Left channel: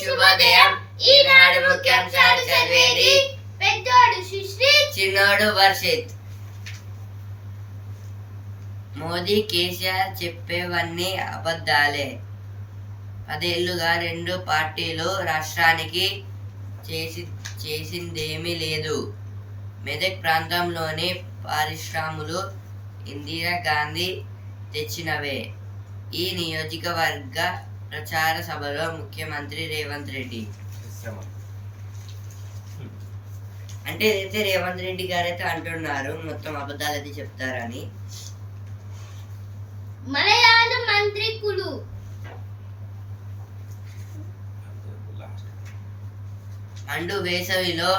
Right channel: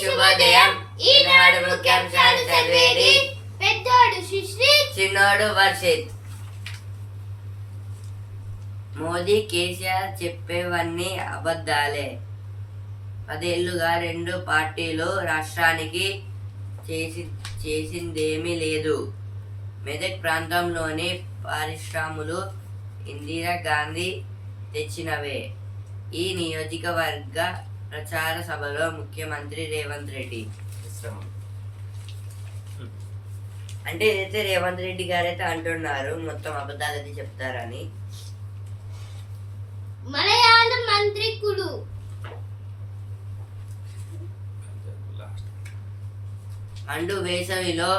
శుభోదయం. ఈనాడు ముఖ్యాంశాలు చదివేది పెద్దోడు సుశ్రీత్, చిన్నోడు వర్షిత్. మోదీ కేసీఆర్ చెప్పేవన్నీ అబద్ధాలే. 10 ఏళ్లుగా రెండు పార్టీలు రాష్ట్రానికి చేసిందేమీ లేదు. మెదక్ ప్రాంతంలోని పరిశ్రమలు ఇందిరాగాంధీ తెచ్చినవే. ఈ నియోజకవర్గ ప్రచార సభలో ముఖ్యమంత్రి రేవంత్ రెడ్డి అంటే ఏదైతే రేవంత్ రెడ్డి గారైతే అంటున్నారు మొత్తం అబద్ధాలు అయితే చెప్తారని. మలయాళ మంత్రికులు మండు వేసవిలో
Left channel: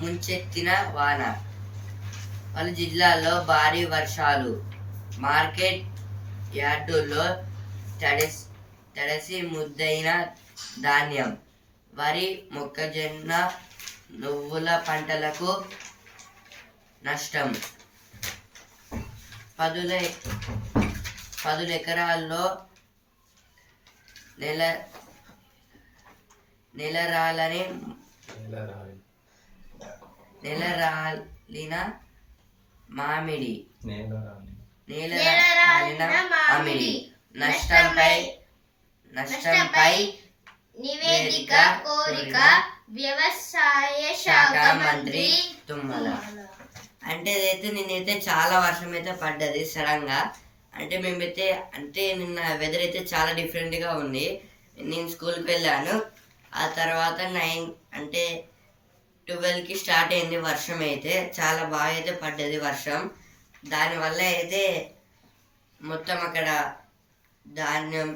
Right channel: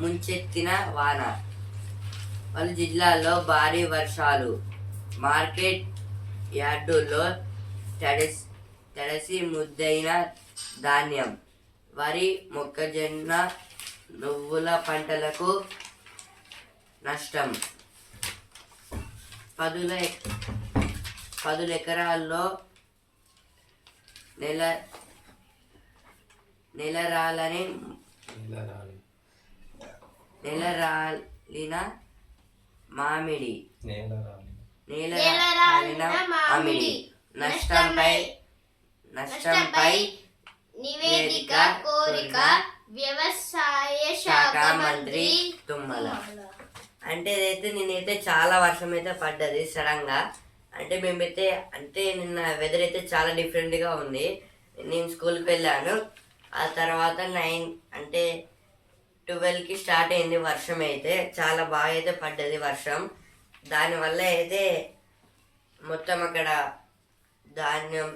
ముంచెత్తిన వాన, పలు జిల్లాల్లో భారీ వర్షాలు, మార్కెట్ యార్డుల్లో తడిసి ముద్దైన ధాన్యం, వరి, మొక్కజొన్న, నువ్వుల పంటలకు నష్టం, 10 ఎకరాల్లో నేలరాలిన మామిడి నష్టంపై నివేదిక కోరిక వ్యవసాయ శాఖ మంత్రి తుమ్మల. అంటే ఇదైతే నేనైతే చాలా వర్షం అయితే పడ్డది సడన్ గా. అంటే మేమైతే నిన్న వెదర్ అయితే చాలా డిఫరెంట్గా ఉంది. నేను స్కూల్కి వెళ్ళాను. ఆ తర్వాత 12కి స్టార్ట్ అయింది వర్షం. అయితే చాలా బాగా అయితే పడ్డది వర్షం. దానివల్ల అయితే మొత్తం అక్కడ ధాన్యం,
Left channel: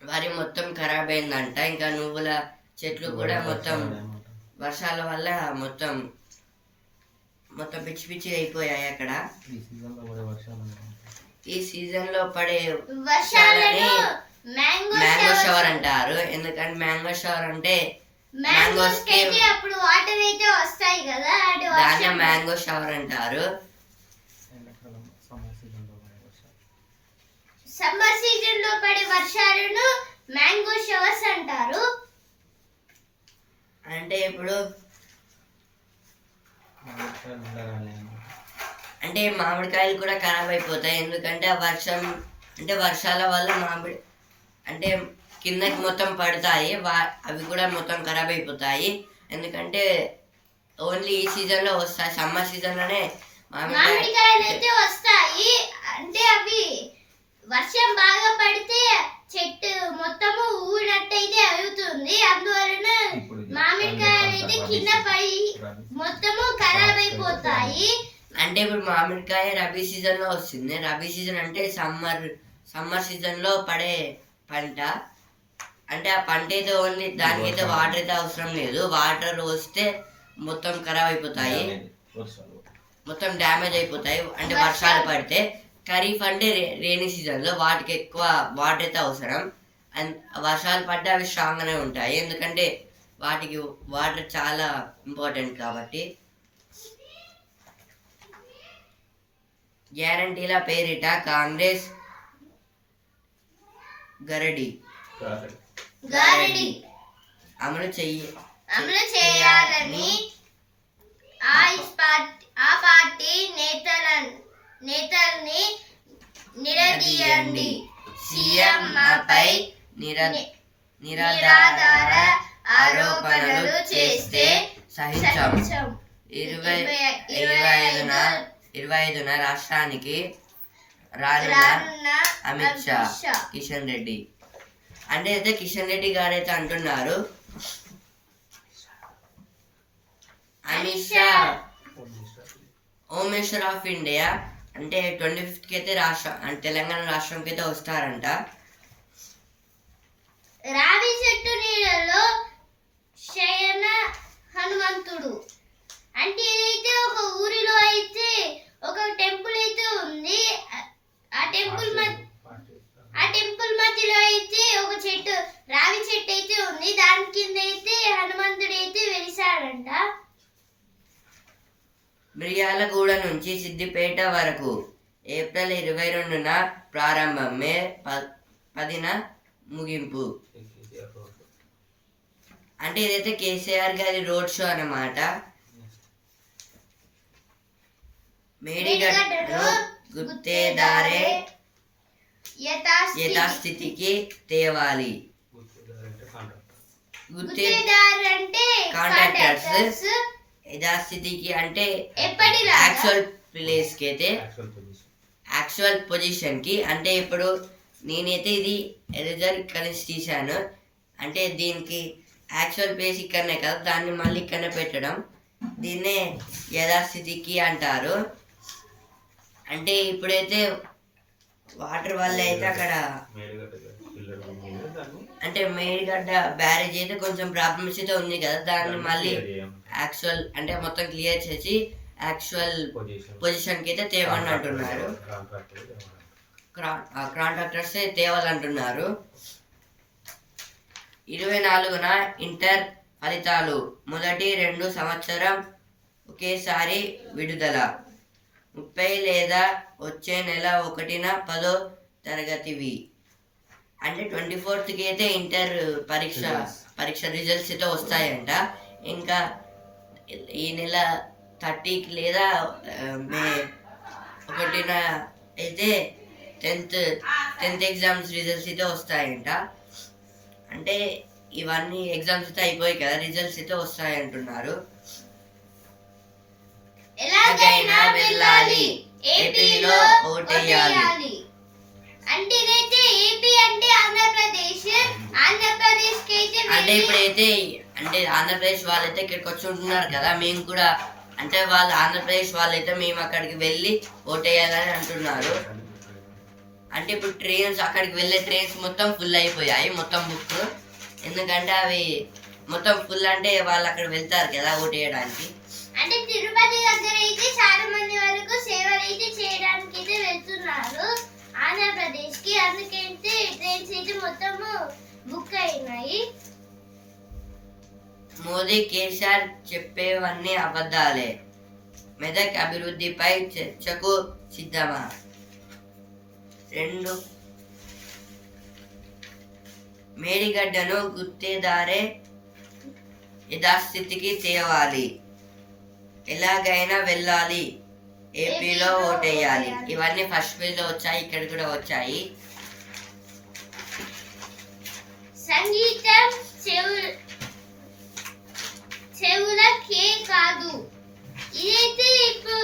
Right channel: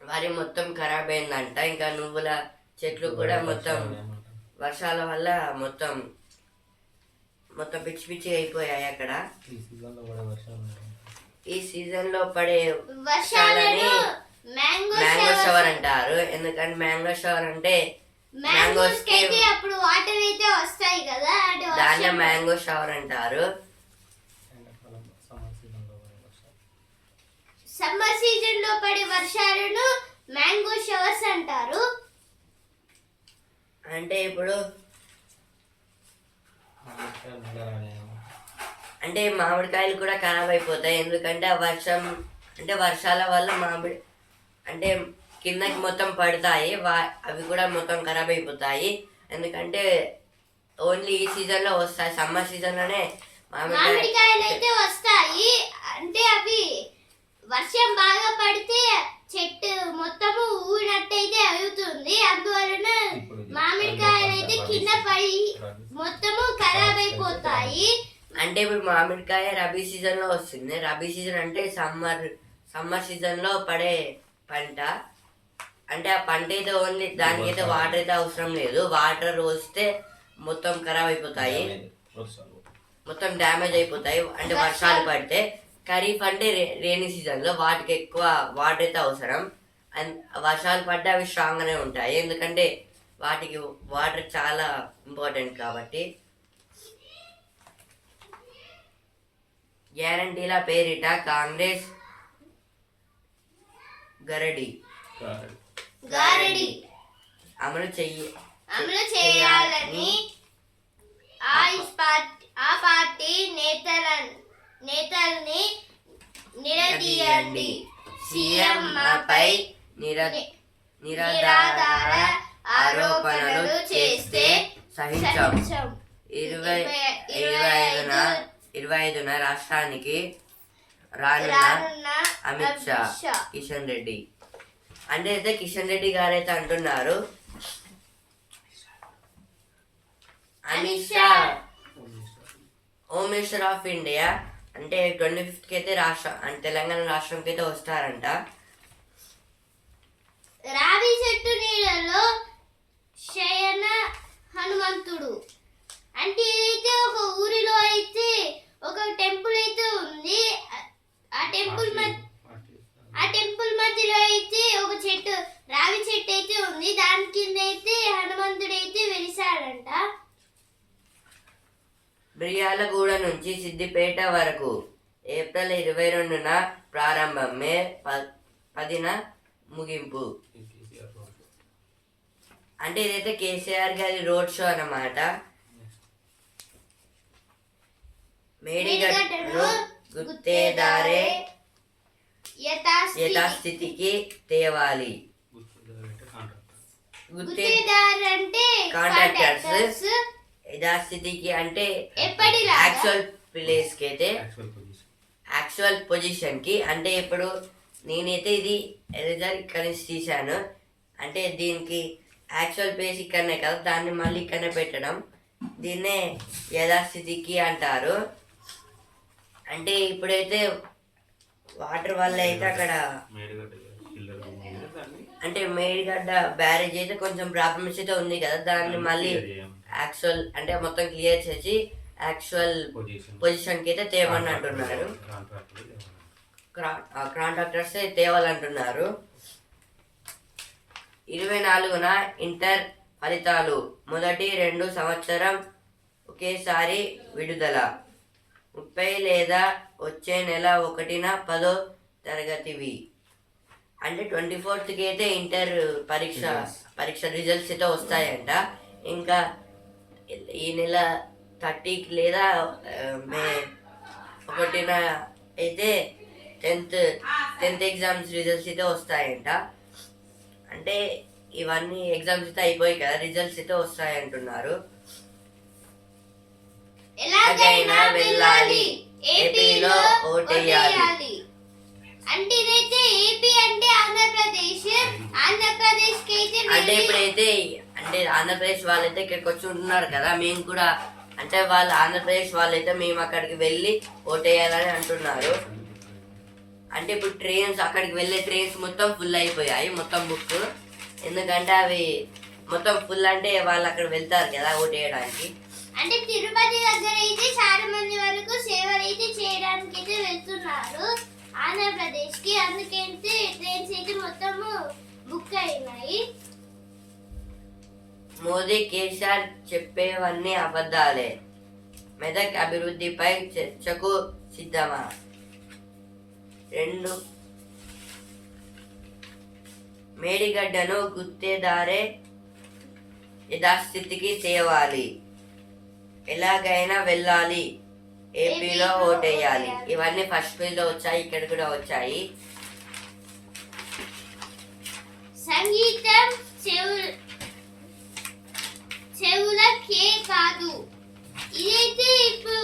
వరి మొత్తం ఖరాబ్ అయిందంట. ఇంకా నువ్వుల చెట్లు కూడా మొత్తం వర్షాల వల్ల మొత్తం పిచ్చి పిచ్చి అయిపోయాయి అక్కడ. ఈ సీజన్ లో పడే వర్షాలని మ్యాంగో షవర్ అంటారు. ఎందుకంటే మ్యాంగో షవర్ అంటే మ్యాంగోస్ కి అప్పుడు వాటర్ అయితే వస్తాయి కదా, దాన్ని మ్యాంగో షవర్ అంటారు. సమ్మర్ సీజన్ లో పడే వర్షాలను మ్యాంగో షవర్స్ అంటారు. అంటే ఇప్పుడు మామిడికాయలు కూడా ఖరాబ్ అయిపోతాయి. ఎందుకంటే వర్షాల వల్ల మామిడి కిందకి మొత్తం పడతాయి. అవి కూడా మొత్తం ఖరాబ్ అయిపోతాయి. ఎందుకంటే ఓన్లీ ఈ సీజన్ లో వస్తాయి. సమ్మర్ సీజన్ లోనే మామిడికాయలు అయితే వస్తాయి. అంటే అవి వర్షం బాగా పడితే చెట్టు మొత్తము ఊడినట్టయితే అవుతుంది. అందువలన మామిడికాయలు అయితే కింద పడి మొత్తము ఖరాబ్ అయిపోతాయి. అంటే ఇప్పుడు మామిడికాయ రబీ సీజన్ లో వస్తుంది. రబీ సీజన్ అంటే సమ్మర్ సీజన్ లో పడే పంట. అంటే ఆ పంట అయితే ఓన్లీ దానికైతే వాటర్ అయితే అవసరం లేదు. వాటర్ వస్తే మొత్తం ఖరాబ్ అయిపోతాయి, మొత్తం డ్యామేజ్ అయిపోతాయి. అంటే వర్షాలు పడితే. ఖరీఫ్ అంటే రైనీ సీజన్ లో వాటికి ఎక్కువ వాటర్ అయితే అవసరం. అండ్ వర్షాలు పడితే అవి స్ట్రాంగ్ గానే ఉంటాయి. ఎందుకంటే వాటికి వాటర్ చాలా ఇంపార్టెంట్ కాబట్టి. గ్యారంటీల పేరిట కాంగ్రెస్ గరడి అమలు చేయాలని ఆ పార్టీ నేతల్ని నిలదీయండి. సీఎం పై నిరాధార ఆరోపణలు చేస్తే సహించాం. 25న రాష్ట్రానికి రానున్న అమిత్ షా, కిషన్ రెడ్డి. అంటే అయితే కిషన్ రెడ్డి గారు అయితే అంటున్నారు, Amit Shah home minister of India అంటే 25కి అయితే తెలంగాణ రాష్ట్రంకి అయితే వస్తారంట. రావి చెట్టు నీళ్ళలో శయన హనుమంతుడు అంటే ఇదైతే ఒక ఊరిలో అయితే ఒక టెంపుల్ అయితే ఉంది. ఆ టెంపుల్ మధ్యలో అయితే ఒక చెట్టు, రావి చెట్టు అయితే ఉంది. దాని కింద అయితే హనుమంతుడు అయితే వెలిసాడంట. మిర్యాలగూడ నుంచి సిద్దిపేట వరకు ఏప్రిల్ 22న ప్రారంభం, మే 10న ముగింపు. అంటే ఇదైతే కేసీఆర్ గారి రోడ్ షో అన్నమాట. మేడిగడ్డను గుత్తేదారే యథాస్థితికి తేవాలి. గుత్తేదారు అంటే కాంట్రాక్టర్స్, యథాస్థితికి అంటే యాక్చువల్ ప్లేస్ కి అయితే యాక్చువల్ పొజిషన్ కి. అంటే ఇప్పుడు నేనైతే ఇది ఎరేజర్ ఇక్కడ నుంచి తీశాను, అంటే దీనికి యాక్చువల్ ప్లేస్ ఇక్కడనే కదా, దాన్ని మళ్ళీ ఇక్కడనే పెట్టడం, దీన్నే యథాస్థితికి అంటారు. అంటే ఇప్పుడైతే వాటర్ వల్ల అయితే అక్కడ అంటే మేడిగడ్డ బ్యారేజ్ అయితే కొంచెం ప్రాబ్లమ్స్ అయితే ఉంది కదా, దాన్ని మళ్ళీ యాక్చువల్ అంటే మొత్తం క్లియర్ చేసి యాక్చువల్ పొజిషన్కి అయితే తేవని అంటున్నారు. కాంట్రాక్టర్స్ తేవాలంటున్నారు. 24న ఇంటర్ ఫలితాలు మొదటి 2 సంవత్సరం ఒకేసారి విడుదల. 30 లేదా వచ్చే నెల 1న 10వ తరగతివి. అంటే 24కి అయితే ఇంటర్ పరీక్ష రిజల్ట్స్ అయితే వస్తాయంట. ఇంకా ఈ నెల 30కి లేదా మే 1న అయితే 10th ఎగ్జామ్స్ రిజల్ట్స్ అయితే వస్తాయంట. అంటే ఇవన్నీ ఎగ్జామ్స్ అయితే అయిపోయి కదా, రిజల్ట్స్ అయితే వస్తాయి అంటున్నారు. ఎలాగైనా వెళ్ళాలి, ఏపీలో ఓటేయాలి. అంటే ఇదైతే ఏపీ అంటే ఆంధ్రప్రదేశ్ కి అయితే అంటే ఇప్పుడైతే అంటే ఆంధ్రప్రదేశ్ వాళ్ళైతే ఇక్కడికి వచ్చి ఉంటున్నారు కదా, మేము కూడా అంటే వాళ్ళు ఆంధ్రప్రదేశ్ వాళ్ళైతే మేము అక్కడికి వెళ్ళి ఓటేయాలని అంటున్నారు. అంటే ఇప్పుడు ట్రైన్స్ అక్కడికి వెళ్ళే ట్రైన్స్ మొత్తం ఫుల్ అయిపోయాయి, మొత్తం బుక్. ఎందుకంటే అవి మొత్తం ఫుల్ అంటే వాళ్ళు అక్కడ వెళ్తారు కదా ఓటేయడానికి. అంటే తిరుపతి దగ్గర అయితే చాలా మంది వరకు సేవలు అయితే చేయడానికి అయితే వెళ్తున్నారు ఆంధ్రప్రదేశ్ కి, అందుకైతే ట్రైన్స్ అయితే మొత్తము బుక్ అయినాయి. మోదీ కేసీఆర్ చెప్పేవన్నీ అబద్ధాలే, మెదక్ అభివృద్ధిపై చర్చకు సిద్ధమా. 2 మేడిగడ్డను గుత్తేదారే యథాస్థితికి తేవాలి, ఎలాగైనా వెళ్ళాలి, ఏపీలో ఓటేయాలి. ఇవన్నీ ఫస్ట్ పేజ్ లో వచ్చాయి, ఇక్కడ కూడా వచ్చాయి. సంగీతం చెవులకే కాదు, ఇదైతే ఇప్పుడు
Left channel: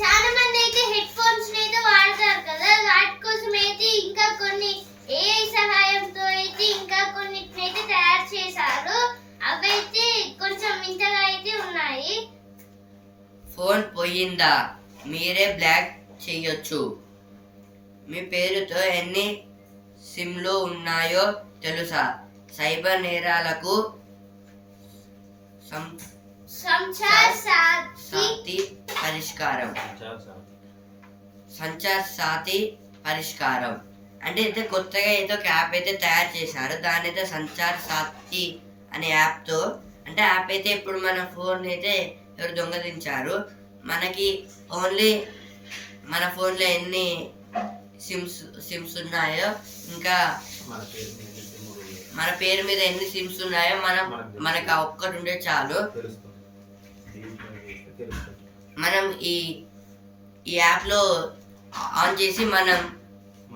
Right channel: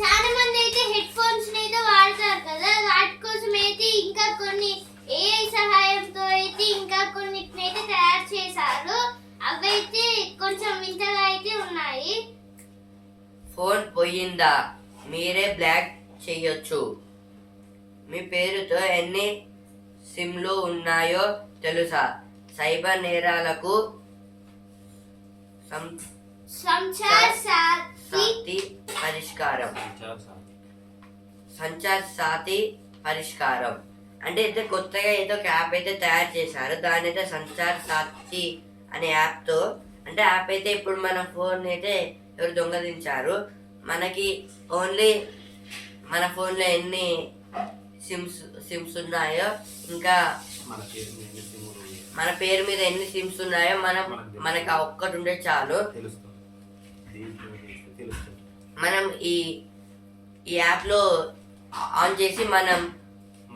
చాలా మంది అయితే హెడ్ ఫోన్స్ అయితే వాడతారు కదా, వాటి కోసం అయితే ఇంకా కొన్ని ఏఐ సహాయంతో అయితే ఇంకా కొన్నిటినైతే తయారు చేశారు. అవైతే కొంచెం వింతగా అయితే ఉన్నాయి. ఫోన్ పోయిందా, మీరే బ్లాక్ చేయొచ్చు. మీ పేరుతో ఎన్ని సిమ్లు ఉన్నాయో తెలుసా. సైబర్ నేరాలకు సంచార్ సాతి పరిష్కారం. అంటే అయితే కొత్తగా ఏదో ఒక యాప్ అయితే తయారు చేశారు, దాని అయితే సంచార్ సాతి అనే యాప్తో. అంటే యాప్ అయితే ఇప్పుడు మన ఫోన్ అయితే ఎవరు దొంగలించారు, మనకి ఓన్లీ మన ఫోన్లో ఎన్ని సిమ్స్ ఉన్నాయో, ఇంకా మన పేరు మీద ఎన్ని సిమ్స్ ఉన్నాయో మనకు ఒక్కటి ఉంటే చాలు. మనం ఈ యాప్లో ఆన్ చేసి మనం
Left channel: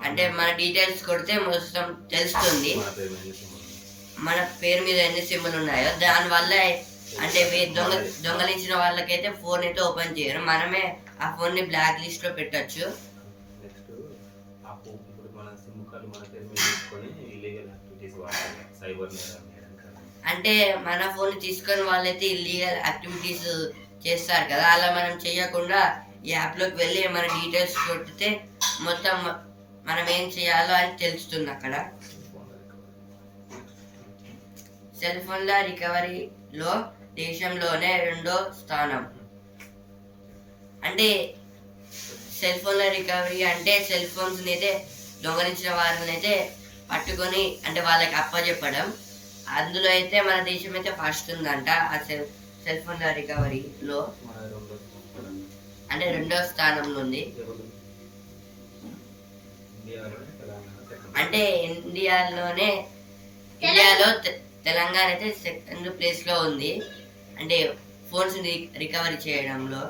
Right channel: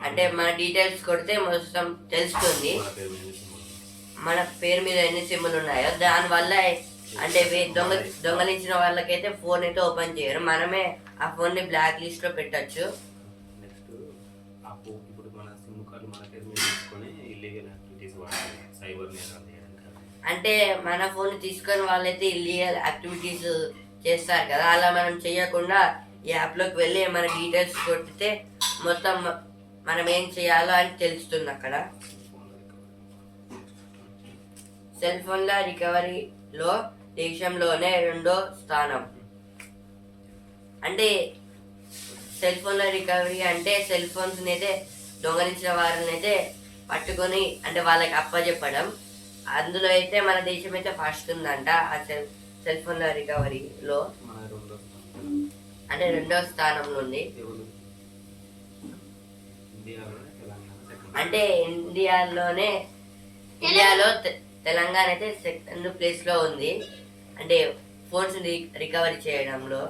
అంటే మన డీటెయిల్స్ కొడితే మొత్తం తెలుస్తుంది మన పేరు మీద ఎన్ని సిమ్లు ఉన్నాయో. దానివల్ల అంటే దొంగలించిన వాళ్ళకైతే ఫోన్ అయితే ఓపెన్ చేయరు, మనమే ఆ ఫోన్ని బ్లాక్ లిస్ట్ లో పెట్టచ్చు. అంటే మన ఫోన్ తీసుకొని వాళ్ళైతే ఇల్లీగల్ యాక్టివిటీస్ చేస్తారు కదా, అలా మనం చేయకుండా ఈ యాప్లోకి వెళ్ళి మన డీటెయిల్స్ కొట్టితే మొత్తం మనం ఏం చేయాలో అని తెలుస్తుంది అక్కడ. సెల్ ఫోన్ల రికవరీలో దేశంలోనే 2వ స్థానం. అంటే సెల్ ఫోన్ల రికవరీ అంటే సెల్ ఫోన్స్ అయితే దొంగలించిన వారిని అయితే పట్టుకొని అంటే వాళ్ళకి అప్పచెప్పడం. అందులో అయితే మన దేశం అయితే ఫస్ట్ ఉందంట ఆ సెల్ ఫోన్ల రికవరీలో, అంటే 2వ స్థానంలో ఉంది. అంటే ఇండియాలో తెలంగాణ అయితే సెకండ్ ప్లేస్లో ఉంది, అంటే ఫోన్స్ రికవరీ చేయడంలో.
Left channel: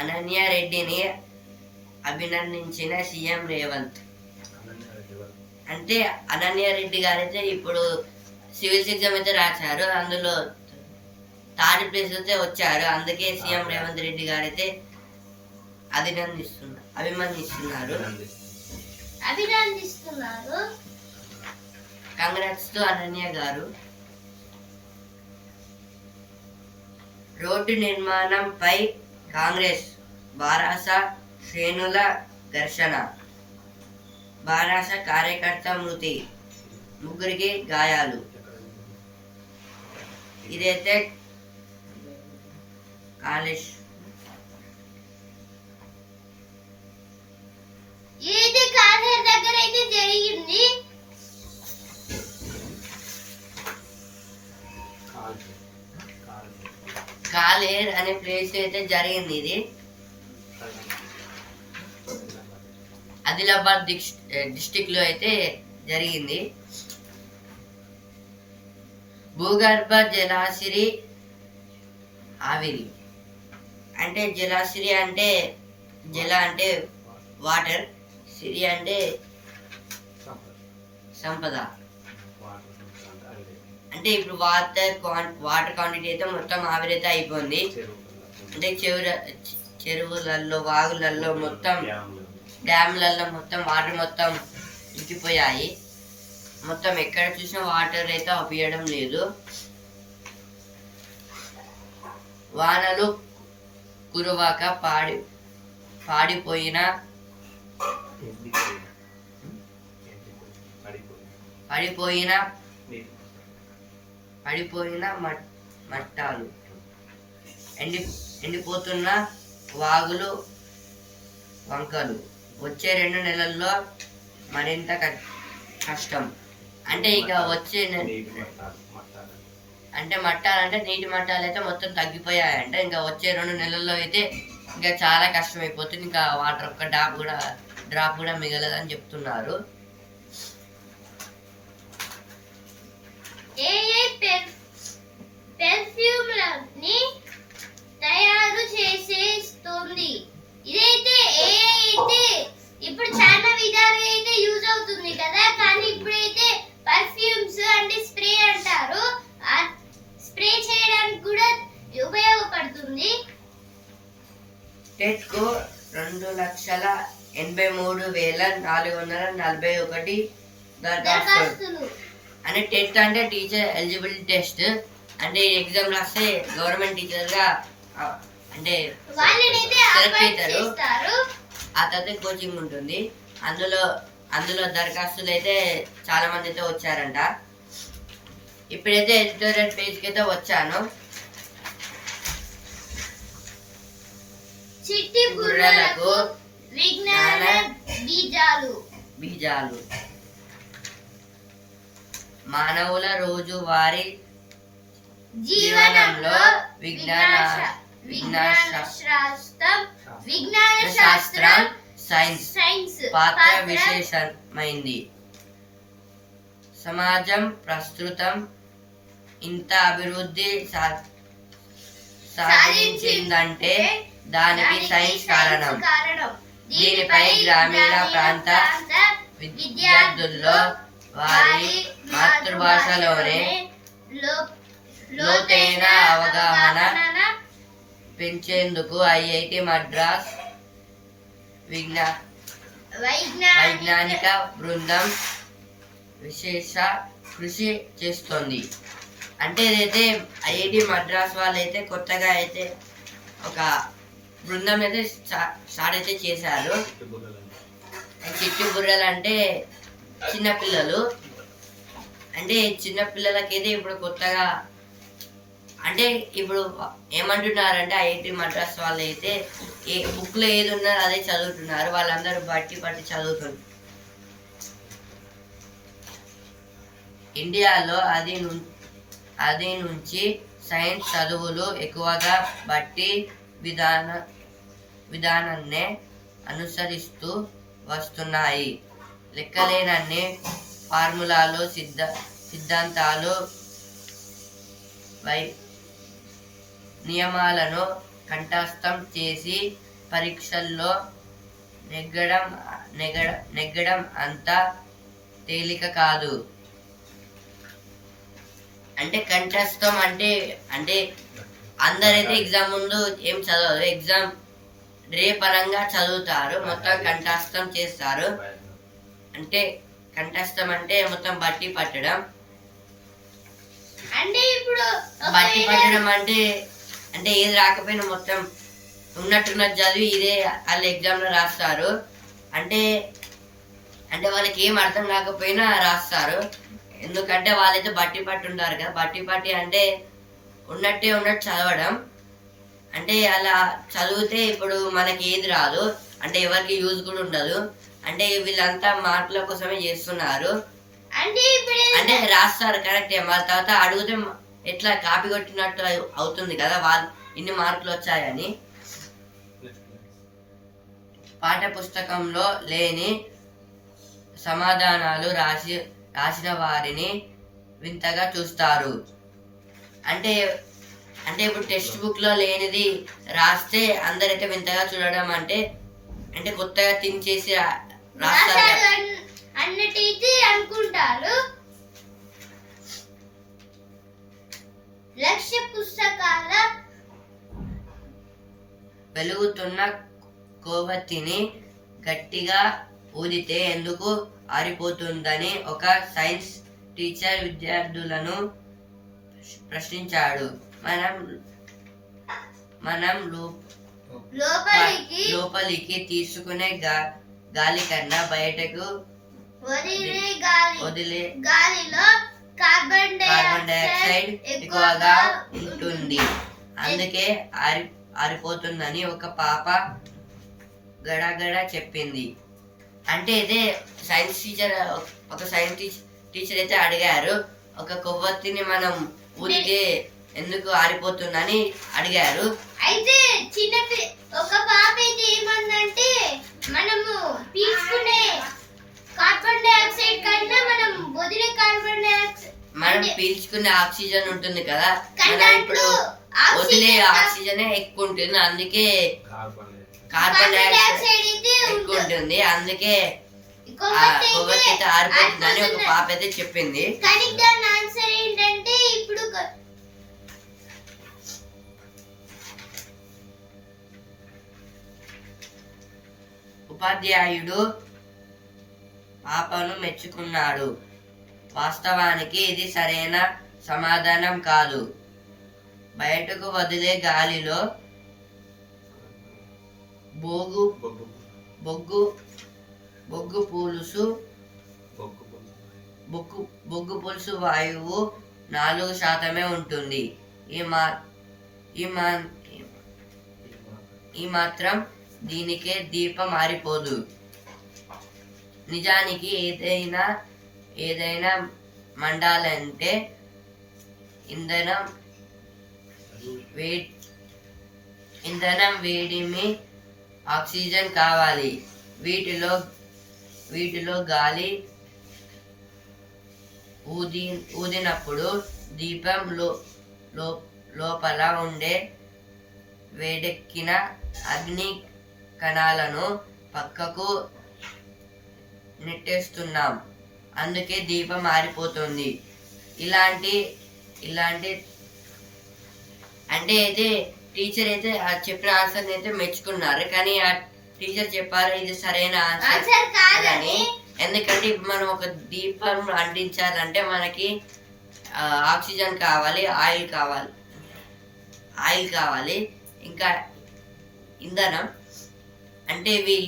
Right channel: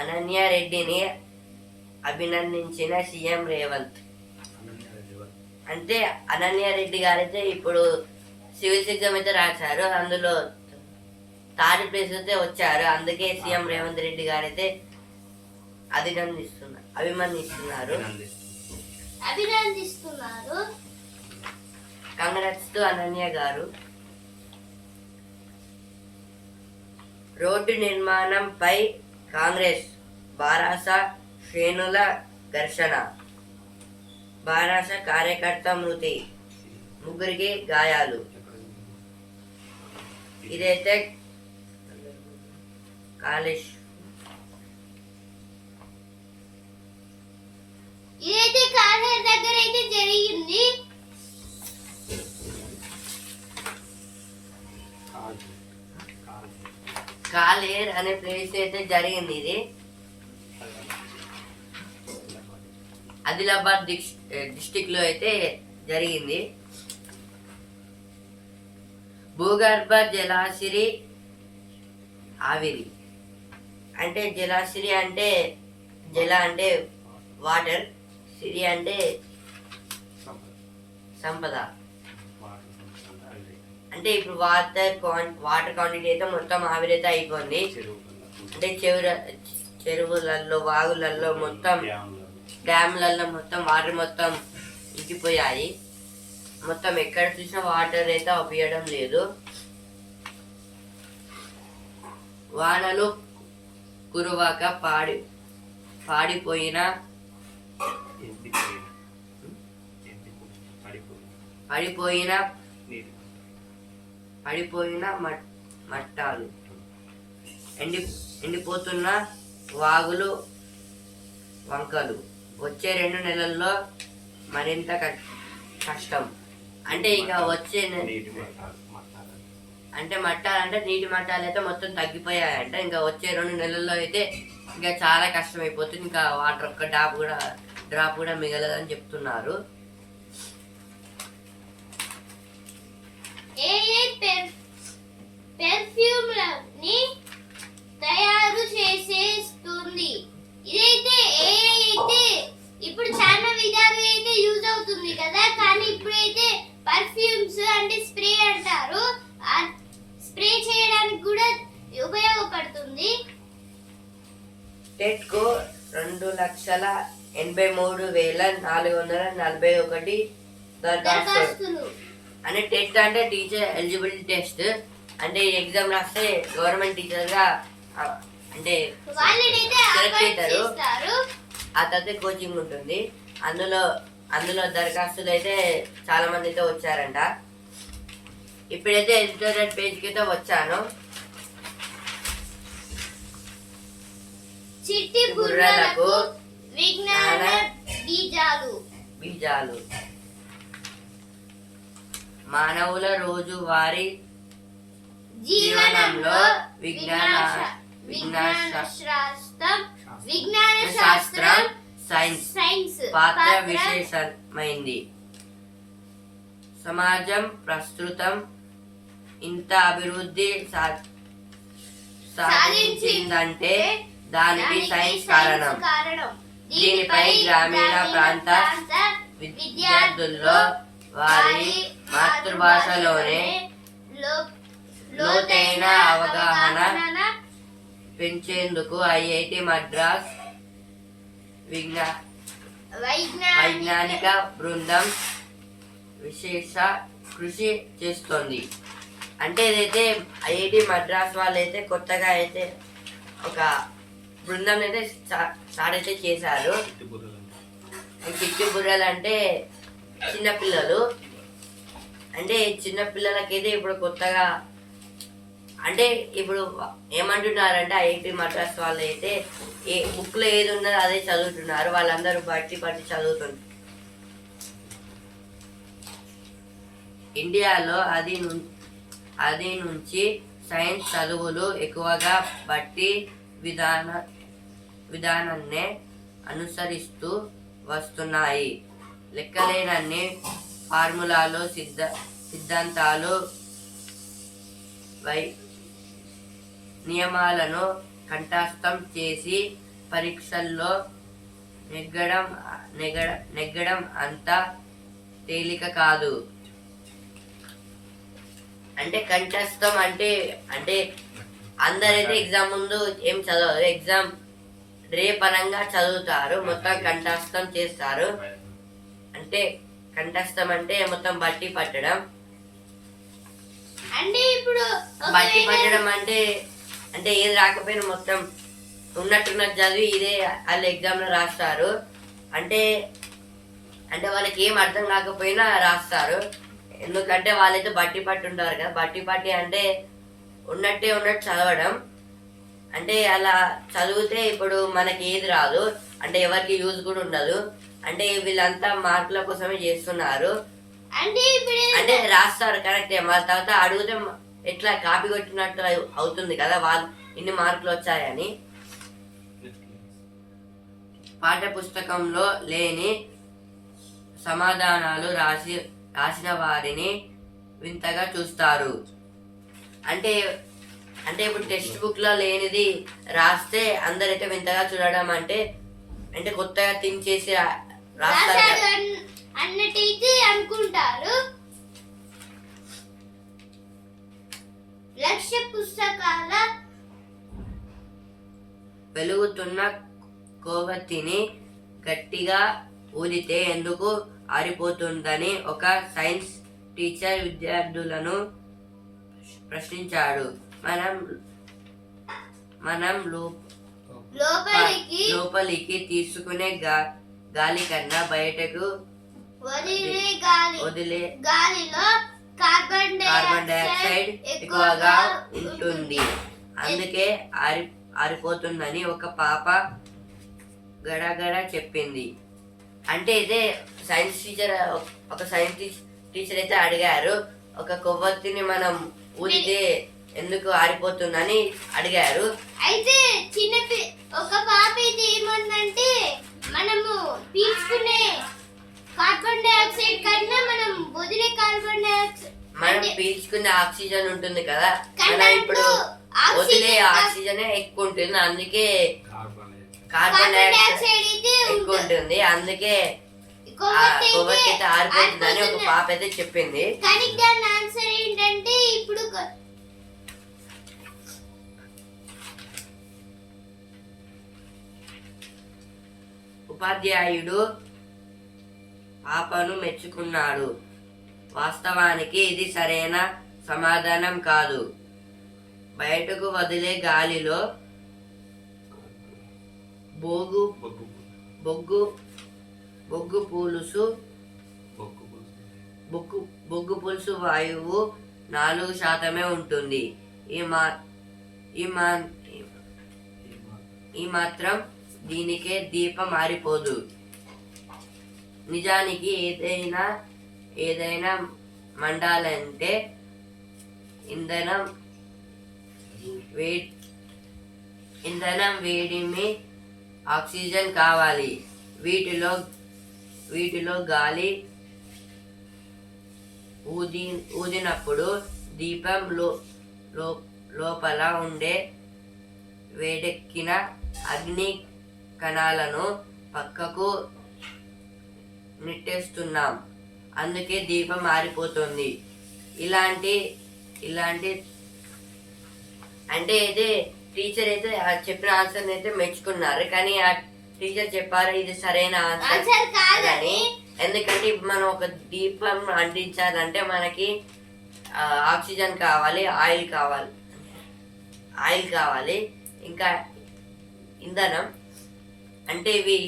అనన్య రెడ్డిని అభినందించిన సీఎం రేవంత్. అంటే అనన్య రెడ్డి గారైతే ఇప్పుడు సివిల్స్ ఎగ్జామ్ అయితే రాశారు, అందులో థర్డ్ ప్లేస్ అయితే వచ్చారు. అందుకే సీఎం రేవంత్ రెడ్డి గారైతే అభినందిస్తున్నారు. కంగ్రాట్స్ టు అనన్య గారు. రోడ్డు నిర్మాణంపై కాంగ్రెస్ బారాస శ్రేణుల ఘర్షణ. బారాస కార్యకర్త మృతి, 3 గాయాలు. ఇదైతే కాలేజ్ దగ్గర అయితే జరిగింది. కాలేర్ అనే ప్లేస్ అయితే జరిగింది. ఇది ఆదిలాబాద్ డిస్టిక్ లో అయితే జరిగింది. భూగర్భ జలాశిరి ఆవిరి. అంటే జలాశిరి అంటే జల అంటే వాటర్, సిరి అంటే సంపద. అంటే ఇప్పుడు వాటర్ క్వాంటిటీ అయితే మొత్తం ఆవిరైతే అయిపోయింది. అంటే చెరువులలో, వాగులలో, మొత్తం డ్యామ్లలో మొత్తం వాటర్ మొత్తం ఇంకిపోయాయి. మొత్తం ఎక్కడ చూసినా వాటర్ అయితే ఆపియడం లేదు. వానలు కురవక పడిపోయిన మట్టాలు, ఎండిపోతున్న వాగులు, వంకలు. వచ్చే 2 నెలల్లో మరింత కష్టం. అంటే ఇక వచ్చే అంటే మట్టాలు అంటే నీటి మట్టాలు అయితే మొత్తం తగ్గిపోయాయంట. ఇంకా వచ్చే 2 నెలల్లో అయితే ఇంకా చాలా కష్టం అయిపోతుంది. ఇంకా వాటర్ ఒక్క డ్రాప్ కూడా మిగలదని చెప్తున్నారు. పెర్ఫ్యూమ్లని తయారు చేసేస్తుంది. ఇదైతే అయితే ఇప్పుడు చాలా విధాలుగా అయితే యూజ్ అవుతుంది కదా, కానీ ఇప్పుడైతే పర్ఫ్యూమ్స్ అంటే స్ప్రే అంటారు, స్ప్రే చేయడానికి కూడా ఉపయోగపడుతుంది. టెట్కు 2,83,441 దరఖాస్తులు. అంటే టెట్ అంటే టీచర్ ఎలిజిబిలిటీ టెస్ట్. అంటే ఈ ఎగ్జామ్ రాస్తే గవర్నమెంట్ టీచర్ గా అంటే సెలెక్ట్ అవుతారు. ఆ తర్వాత కోచింగ్ ఉంటుంది. అందులో దరఖాస్తులు అయితే చాలా మంది అయితే వచ్చారంట. ఇప్పుడైతే ఎడిటోరియల్ పేజ్కి అయితే వచ్చాను. చిట్టి బుర్రలకు విజ్ఞాన బీజాలు. మానవుల రోజువారీ జీవనంలో విజ్ఞాన శాస్త్రం సైన్స్ పాత్ర విశేషమైంది. సమాజం ప్రస్తుతం ఇంత అభివృద్ధి సాధించిందంటే దానికి సైన్స్ కారణం. దీనిపై గ్రామీణ ప్రాంత విద్యార్థుల్లో వారి మాతృభాషలోనే లోతైన అవగాహన పెంచేందుకు ఐఐటి మద్రాస్ వైజ్ఞానిక బృందం విశేష కృషి చేస్తోంది. అంటే ఇదైతే ఐఐటి మద్రాస్ వాళ్ళు అయితే కొత్తగా అయితే ఒక బృందం అయితే స్టార్ట్ అయితే చేశారు. చిట్టి బుర్రలు అంటే చిన్నపిల్లలు. అంటే చిన్నపిల్లలకైతే ఇప్పుడు కొత్తగా అంటే ఇప్పుడు ఏమంటున్నారంటే ఐఐటి మద్రాస్ వాళ్ళు అయితే ఏ బుక్లో ఏది ఉన్నదో అదే చదువుతున్నారు. వాళ్ళందరూ బట్టి చదువుతున్నారు. ఇండియాలో అది నుంచి సైన్స్ చదువులు ఎక్కువగా బట్టి విధానాన్నే అనుసరిస్తూ వస్తున్నాయి. లెక్కలేనన్ని ఫార్ములాలు సిద్ధాంతాలు నియమాలను కంఠస్థం చేసి పరీక్షల్లో నెగ్గడం అంత తేలిక కాదు. అంటే కంఠస్థం అంటే అందరైతే ఎగ్జామ్ ముందు ఏం చదవరు, ఎగ్జామ్ రేపనంగా చదువుతారు, మొత్తం కంఠస్థం చేస్తారు. అంటే కంఠస్థం అంటే మొత్తం బట్టి పట్టడం. అంటే ఇప్పుడు బట్టి పట్టడం అంటే ఏది రాకపోయినా మొత్తం ఉన్నట్టున్నట్టు చదివి ఇదే వాళ్ళు ఎగ్జామ్లో రాస్తారు. అంటే వాళ్ళకి ఏం అర్థం కాకపోయినా రాస్తారు. ఎందుకంటే వాళ్ళైతే బట్టి పట్టి ఉంటారు కదా. బట్టి పట్టి అంటే ఉన్నట్టు చదవడం. అంటే అలా చదివితే ఇప్పుడు మనకి ఏది రాదు, అంటే ఎవరికి యూజ్ కూడా ఉండదు. అంటే వీళ్ళంతా మార్కుల కోసమే చేస్తున్నారు. అంటే రాస్తారు కరెక్టే, మళ్ళీ తర్వాత అడిగితే ఎట్లా కాపీ కొట్టినట్టు అవుతుంది కదా, వాళ్ళు ఇన్ని మార్కులు వచ్చాయని. పాఠ్య పుస్తకంలో లేని సమాధానాలు రాసిన వారిని వింతగా చూస్తారు. అంటే ఇప్పుడు టెక్స్ట్ బుక్ లో లేనిది రాస్తే అందరైతే వింతగా చూడడం. అంటే కొత్తగా థింక్ చేసి రాస్తారు అన్నట్టయితే అనుకుంటారు. లక్ష్య పుస్తకాల వెలుగుతున్న కొవ్వొత్తిని గట్టిగా ఊదితే ఎందుకు ఆరిపోతుందని ఒక సైన్స్ టీచర్ విద్యార్థులను ప్రశ్నించాడు. మనం లోపలికి తీసుకునే గాలి కన్నా బయటకు వదిలే గాలిలో కార్బన్ డైఆక్సైడ్ ఎక్కువగా ఉంటుంది, అందుకే ఆరిపోతుందని ఒక పాప గడగడ చెప్పింది. అంటే ఇదే సైన్స్ టీచర్ అయితే అడిగారు, ఒక కొవ్వొత్తిని మనం ఊదితే ఎందుకు ఆరిపోతుందని అడిగారు. అయితే ఒక పాప అయితే ఏమందంటే, మనము పీల్చుకునే కార్బన్ డైఆక్సైడ్ కన్నా మనం వదిలే కార్బన్ డైఆక్సైడ్, మనం పీల్చుకునే ఆక్సిజన్ ఉంటుంది కదా, మనం ఇప్పుడు వదిలే ఆక్సిజన్ ఎక్కువ ఉంటుంది, అందుకే కార్బన్ డైఆక్సైడ్ ఎక్కువ ఉంటుంది, అందుకే కొవ్వొత్తి అయితే ఆరిపోతుందని ఒక పాప అయితే చెప్పింది. కానీ దాని ఆన్సర్ ఏంటంటే, ఇప్పుడు ఉపాధ్యాయుడు పాపను మెచ్చుకున్నాడు. వాస్తవానికి ఇది సరైన సమాధానం కాదు. బయటకు వదిలే గాలిలో బొగ్గు పులుసు వాయువు 4% ఉంటుంది. ఈ మాత్రం దీనికే దీపం ఆరిపోదు. నిజానికి ఏదైనా మండాలంటే ఇంధనం వేడిమి ఆక్సిజన్ కావాలి. వీటిలో గాలి ఊదినప్పుడు దీపం లోపల ఉండే వేడెక్కిన అగ్ని కణాలను పక్కకు నెట్టేస్తున్నాం, అందుకే దీపం ఆరిపోతుంది. ఇలాంటి అంటే అయితే టీచర్ అయితే చెప్పిన ఆన్సర్ అయితే మెచ్చుకున్నారు, కానీ ఆ టీచర్ చెప్పారు ఇది సరైన ఆన్సర్ కాదని. ఎందుకంటే మనం ఒక దీపం అంటించాలంటే మనకి ఆక్సిజన్ కావాలి, ఆయిల్ కావాలి, ఇంకా ఇంధనం అంటే ఇవి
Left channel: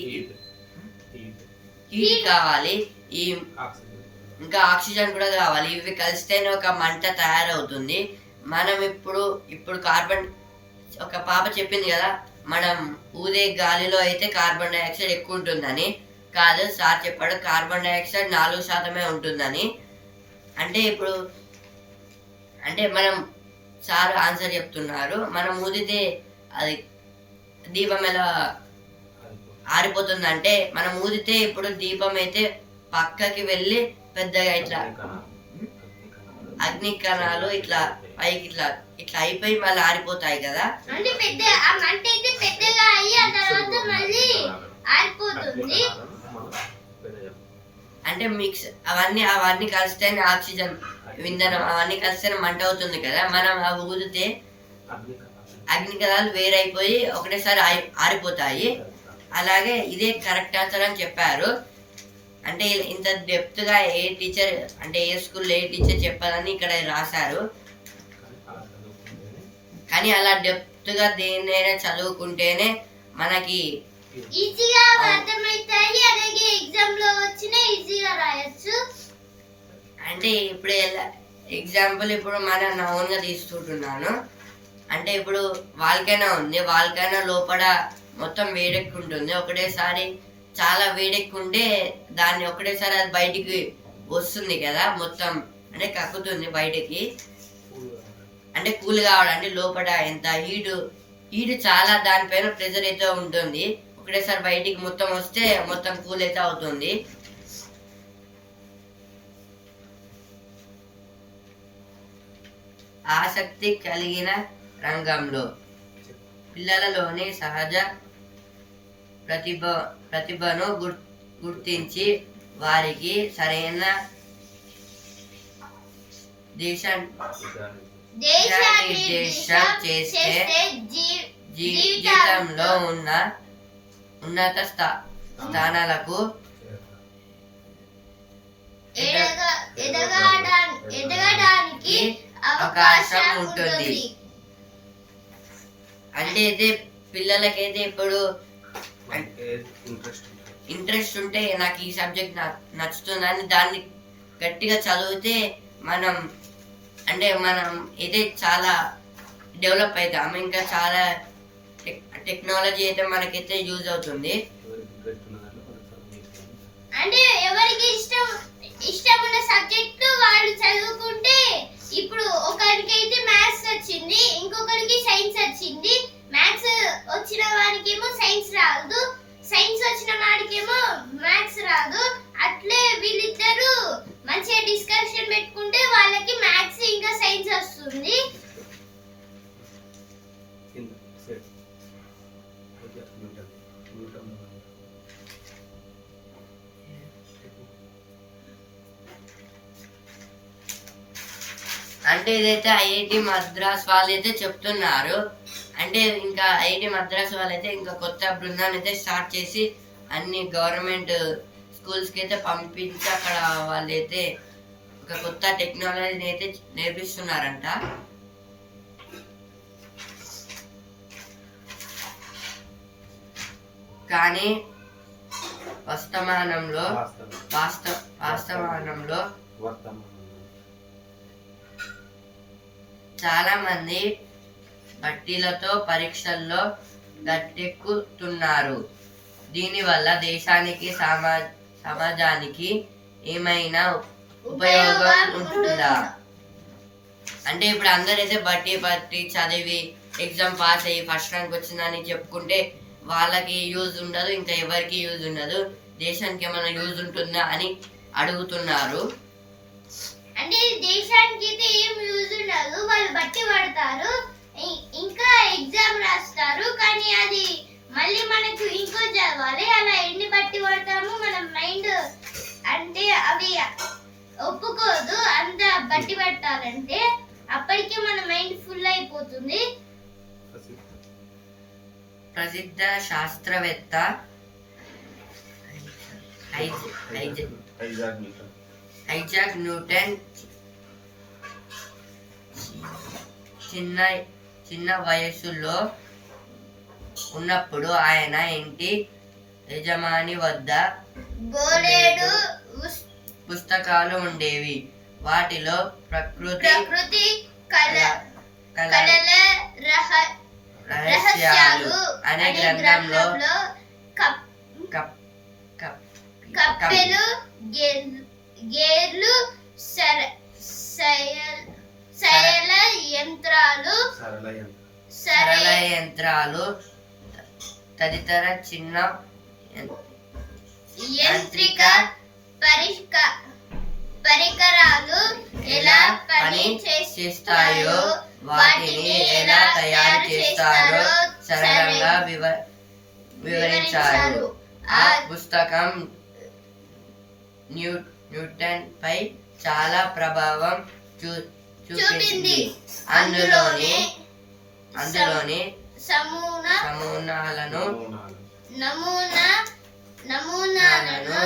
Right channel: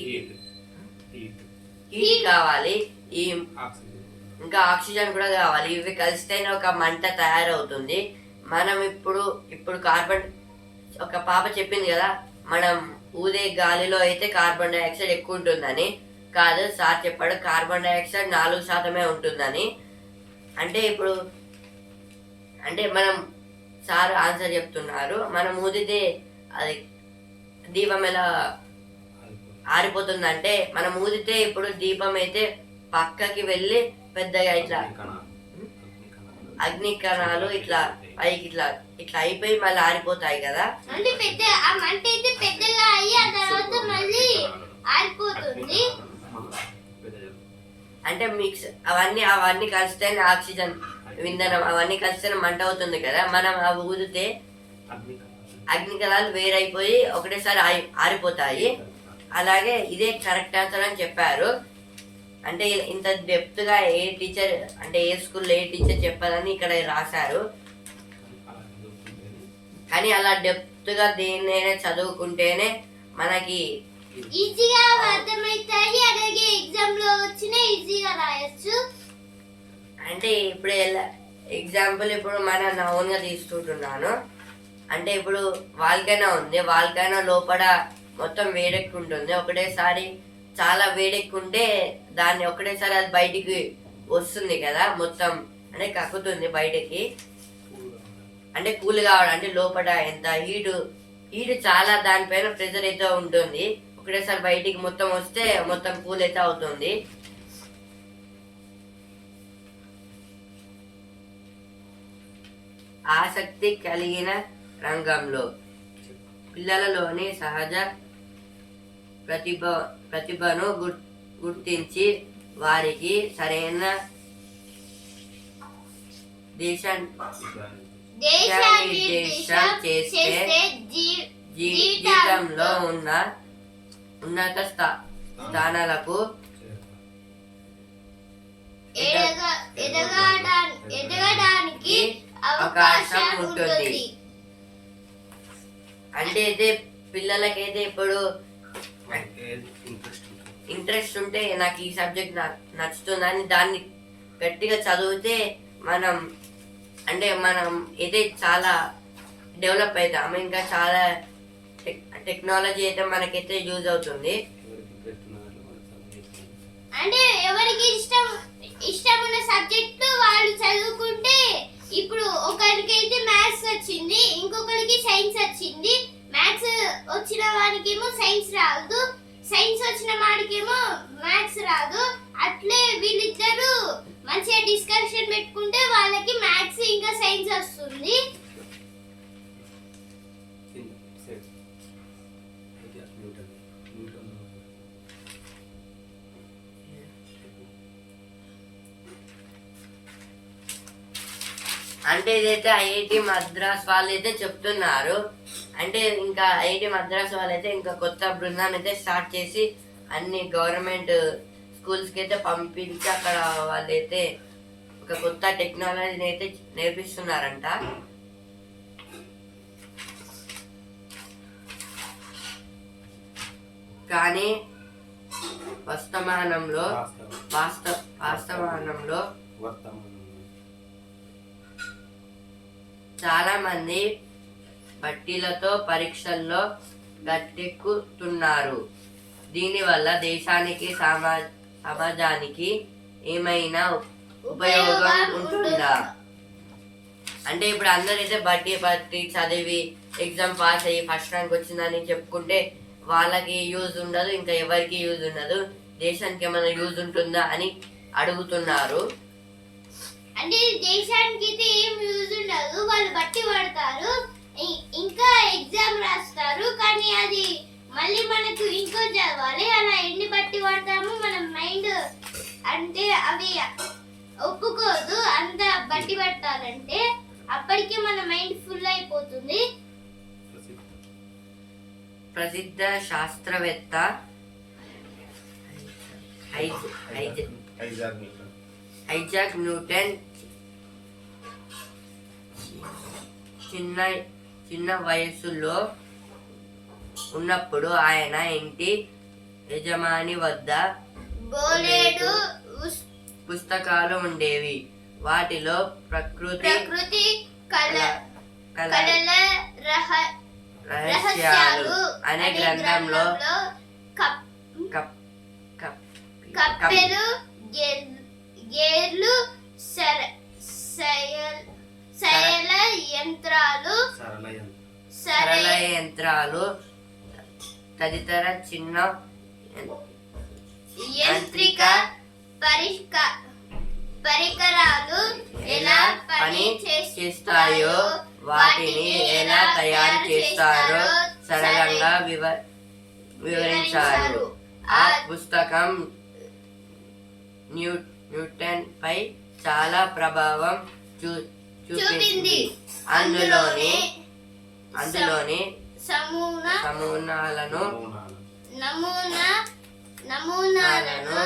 హీట్ కావాలి, ఇంకా ఆక్సిజన్ కూడా కావాలి. ఇవి కలిస్తేనే ఒక మంట తయారవుతుంది. మనం ఇప్పుడు కార్బన్, ఒక పాప చెప్పింది కదా మనం ఊదే గాలిలో అయితే కార్బన్ డైఆక్సైడ్ ఎక్కువ ఉంటుందని. కాదు, సార్ చెప్పాడు కార్బన్ డైఆక్సైడ్ 4% ఉంటుందని. అంటే మనం సార్ ఆన్సర్ చెప్తున్నారు, మనం ఊదితే అది దీపం ఎలా ఆరిపోతుందంటే, మనం ఊదితే ఇప్పుడు దీపం అయితే పక్కకి వెళ్ళి పెద్దగా ఇట్లా అగ్ని కణాలు ఇట్లా పైకి ఇట్లా ఇట్లా అయిపోయి మళ్ళీ ఆరిపోతాయి కదా. అంటే పెద్ద ఆ మంట అయితే పెద్దగా అయ్యి ఆ తర్వాత మళ్ళీ ఆరిపోతుంది. అంటే మిక్స్ అవన్నీ కలిస్తేనే ఆక్సిజన్ ఇంధనం అవన్నీ కలిస్తేనే మంట అవుతుంది కదా. మనం అవి ఊదితే అగ్ని కణాలు వేరైపోయి ఒకటేసారి ఆరిపోతాయి. అలాగే ఇదే కరెక్ట్ ఆన్సర్ అని చెప్పారు. అంటే ఇంత డెప్త్ గా ఏ టీచర్ అంటే ఏ స్కూల్లో ఏ టీచర్ చెప్పాలని ఇక్కడ రాశారు. కానీ అలా డెప్త్ గా దేన్నైనా చదువుకుంటేనే మనకి ఈజీగా అర్థమవుతాయి. అలాగే ఎగ్జామ్ లో వచ్చిన ఈజీగా రాయొచ్చు. అంటే ఇప్పుడు ఎగ్జాంపుల్ ఇప్పుడు నా ఓన్ గా తీసుకుంటున్నాను. అంటే ఇప్పుడు వాల్కైనా ఉంది, వాల్కైనా లోపల మొత్తం వేడెక్కుంటుంది. ఒకటేసారి చాలా వేడెక్కుంటే దాన్ని ఒకటేసారి అది బయటికి వస్తుంది కదా, మొత్తం అంటే కక్కుతుంది బయటకి. అంటే కూల్ కావడం అంటే లోపల ఎంత హీట్ చాలా దానిపైన ప్రెజర్ అయితే ఉంటుంది. ఒకటేసారి బయటికి మొత్తం వస్తే మొత్తం కూల్ అయితే అవుతుంది. ఆసక్తి కలిగిన రంగంలో పిల్లలలోని సహజ ప్రతిభను గుర్తించి వారికి సరైన దిశానిర్దేశం చేస్తే జీవితంలో ఉన్న ఉన్నత స్థానాలకు ఎదగడానికి అవకాశం ఉంటుంది. అంటే అయితే పిల్లలకైతే ఇప్పుడు ఇంట్రెస్ట్ ఉంటే నాకు ఈ సబ్జెక్ట్ నచ్చుతుందని దాన్ని గట్టిగా చదివితే మనం అయితే చాలా డెవలప్ అవుతాము. ఇంకా చాలా టెక్నాలజీ అయితే మనకైతే యూజ్ అవుతుంది. అంటే ఎవరికి ఇష్టం ఉన్న సబ్జెక్ట్ వాళ్ళు చదువుకుంటే, ఇప్పుడు ఒకరికి అయితే మ్యాథ్స్ వచ్చింది, ఇంకొకరికి సైన్స్ వచ్చింది. మ్యాథ్స్ వచ్చిన వాడికేమో సైన్స్ రాదు, సైన్స్ వచ్చిన వాడికేమో మ్యాథ్స్ రాదు. అట్లే వీళ్ళిద్దరూ మంచిగా డిస్కషన్ పెట్టుకుంటే వాళ్ళకి మ్యాథ్స్ ఇంకా సైన్స్ వస్తుంది. అంటే ఇదైతే ఐఐటి మద్రాస్ వాళ్ళు అయితే చెప్తున్నారు. అంటే ఇంకా ఐఐటి మద్రాస్ వాళ్ళైతే ఇంకా కొత్త బృందాన్ని అయితే స్టార్ట్ చేసి అన్ని గవర్నమెంట్ స్కూల్స్కి అయితే పంపించి అక్కడ వాళ్ళైతే ఒక కొత్త టెక్నాలజీని అయితే నేర్పిస్తున్నారంట. కానీ వాస్తవానంలో చాలా మంది బట్టీలతో పరీక్షల్లో గట్టెక్కుతున్నారు. దీనివల్ల దేశానికి సమాజానికి ఏమైనా ఉపయోగం ఉంటుందా? అంటే ఇప్పుడు అందరైతే బట్టి చదివి ఎగ్జామ్ పాస్ అయ్యి ఫస్ట్ ర్యాంక్ వచ్చిందని చెప్పుకుంటే వాళ్ళకి యూజ్ ఉండదు, ఇంకా ఎవరికి యూజ్ ఉండదు. దేశానికి ఏమైనా యూజ్ ఉంటుందా అని అడుగుతున్నారు. అంటే దేశానికి అయితే ఏం యూజ్ ఉండదు, వాళ్ళు బట్టి పడతారు, ఇంకా ఎగ్జామ్ రాస్తారు. కానీ అది మళ్ళీ మనకు ఇంకో చదవాలి. అలా ఎన్ని బట్టి పడతాము, మన మైండ్ అంటే అవి ఒప్పుకోదు అంత బట్టి పట్టాలంటే. అప్పటికే మన మైండ్ ఫుల్ అయిపోతుంది. ప్రసిద్ధ శాస్త్రవేత్త ఐజాక్ న్యూటన్ చిన్న వయస్సులో ఉన్నప్పుడు ఆయన ఇంటి యజమాని వద్ద బోలెడు పుస్తకాలు ఉండేవి. వాటిలో ప్రకృతి కళల రహస్యాలు అనే గ్రంథంలో కప్పెలు, గేర్లు, సరళ యంత్రాలు తదితర చిన్న యాంత్రిక పని చేస్తాయో వాటిని ఎలా తయారు చేస్తారో సరళంగా వివరించారు. ఆ పుస్తకం న్యూటన్ పై చాలా ప్రభావం చూపింది. అందులోని నమూనాలను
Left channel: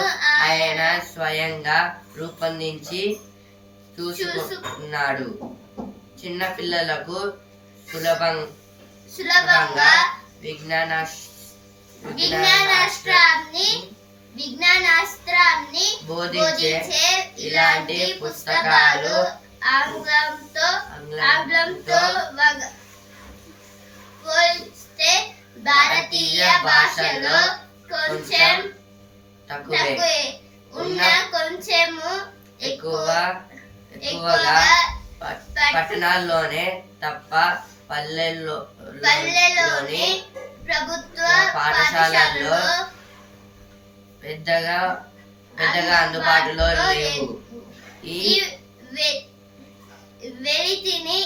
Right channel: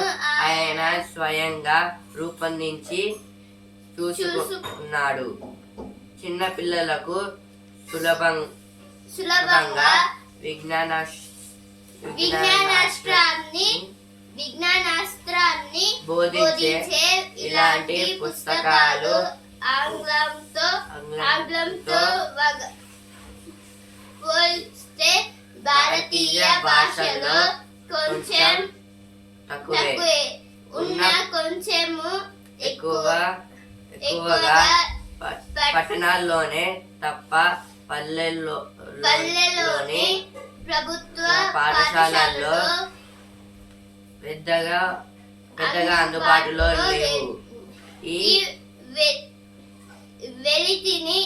ఆయన స్వయంగా రూపొందించి చూసుకున్నాడు. చిన్న పిల్లలకు సులభంగా విజ్ఞానాస్త్రాన్ని బోధించే ఇలాంటి పుస్తకాలు ఆంగ్లంతో పోల్చితే భారతీయ భాషలో కొంచెం తక్కువే ఉన్న కొంచెము ఎక్కువగా పట్టణాల్లోనే తప్ప పల్లెల్లోని ప్రభుత్వ పాఠశాలల్లో పెద్దగా అందుబాటులో లేవు. ఈ వెలితిని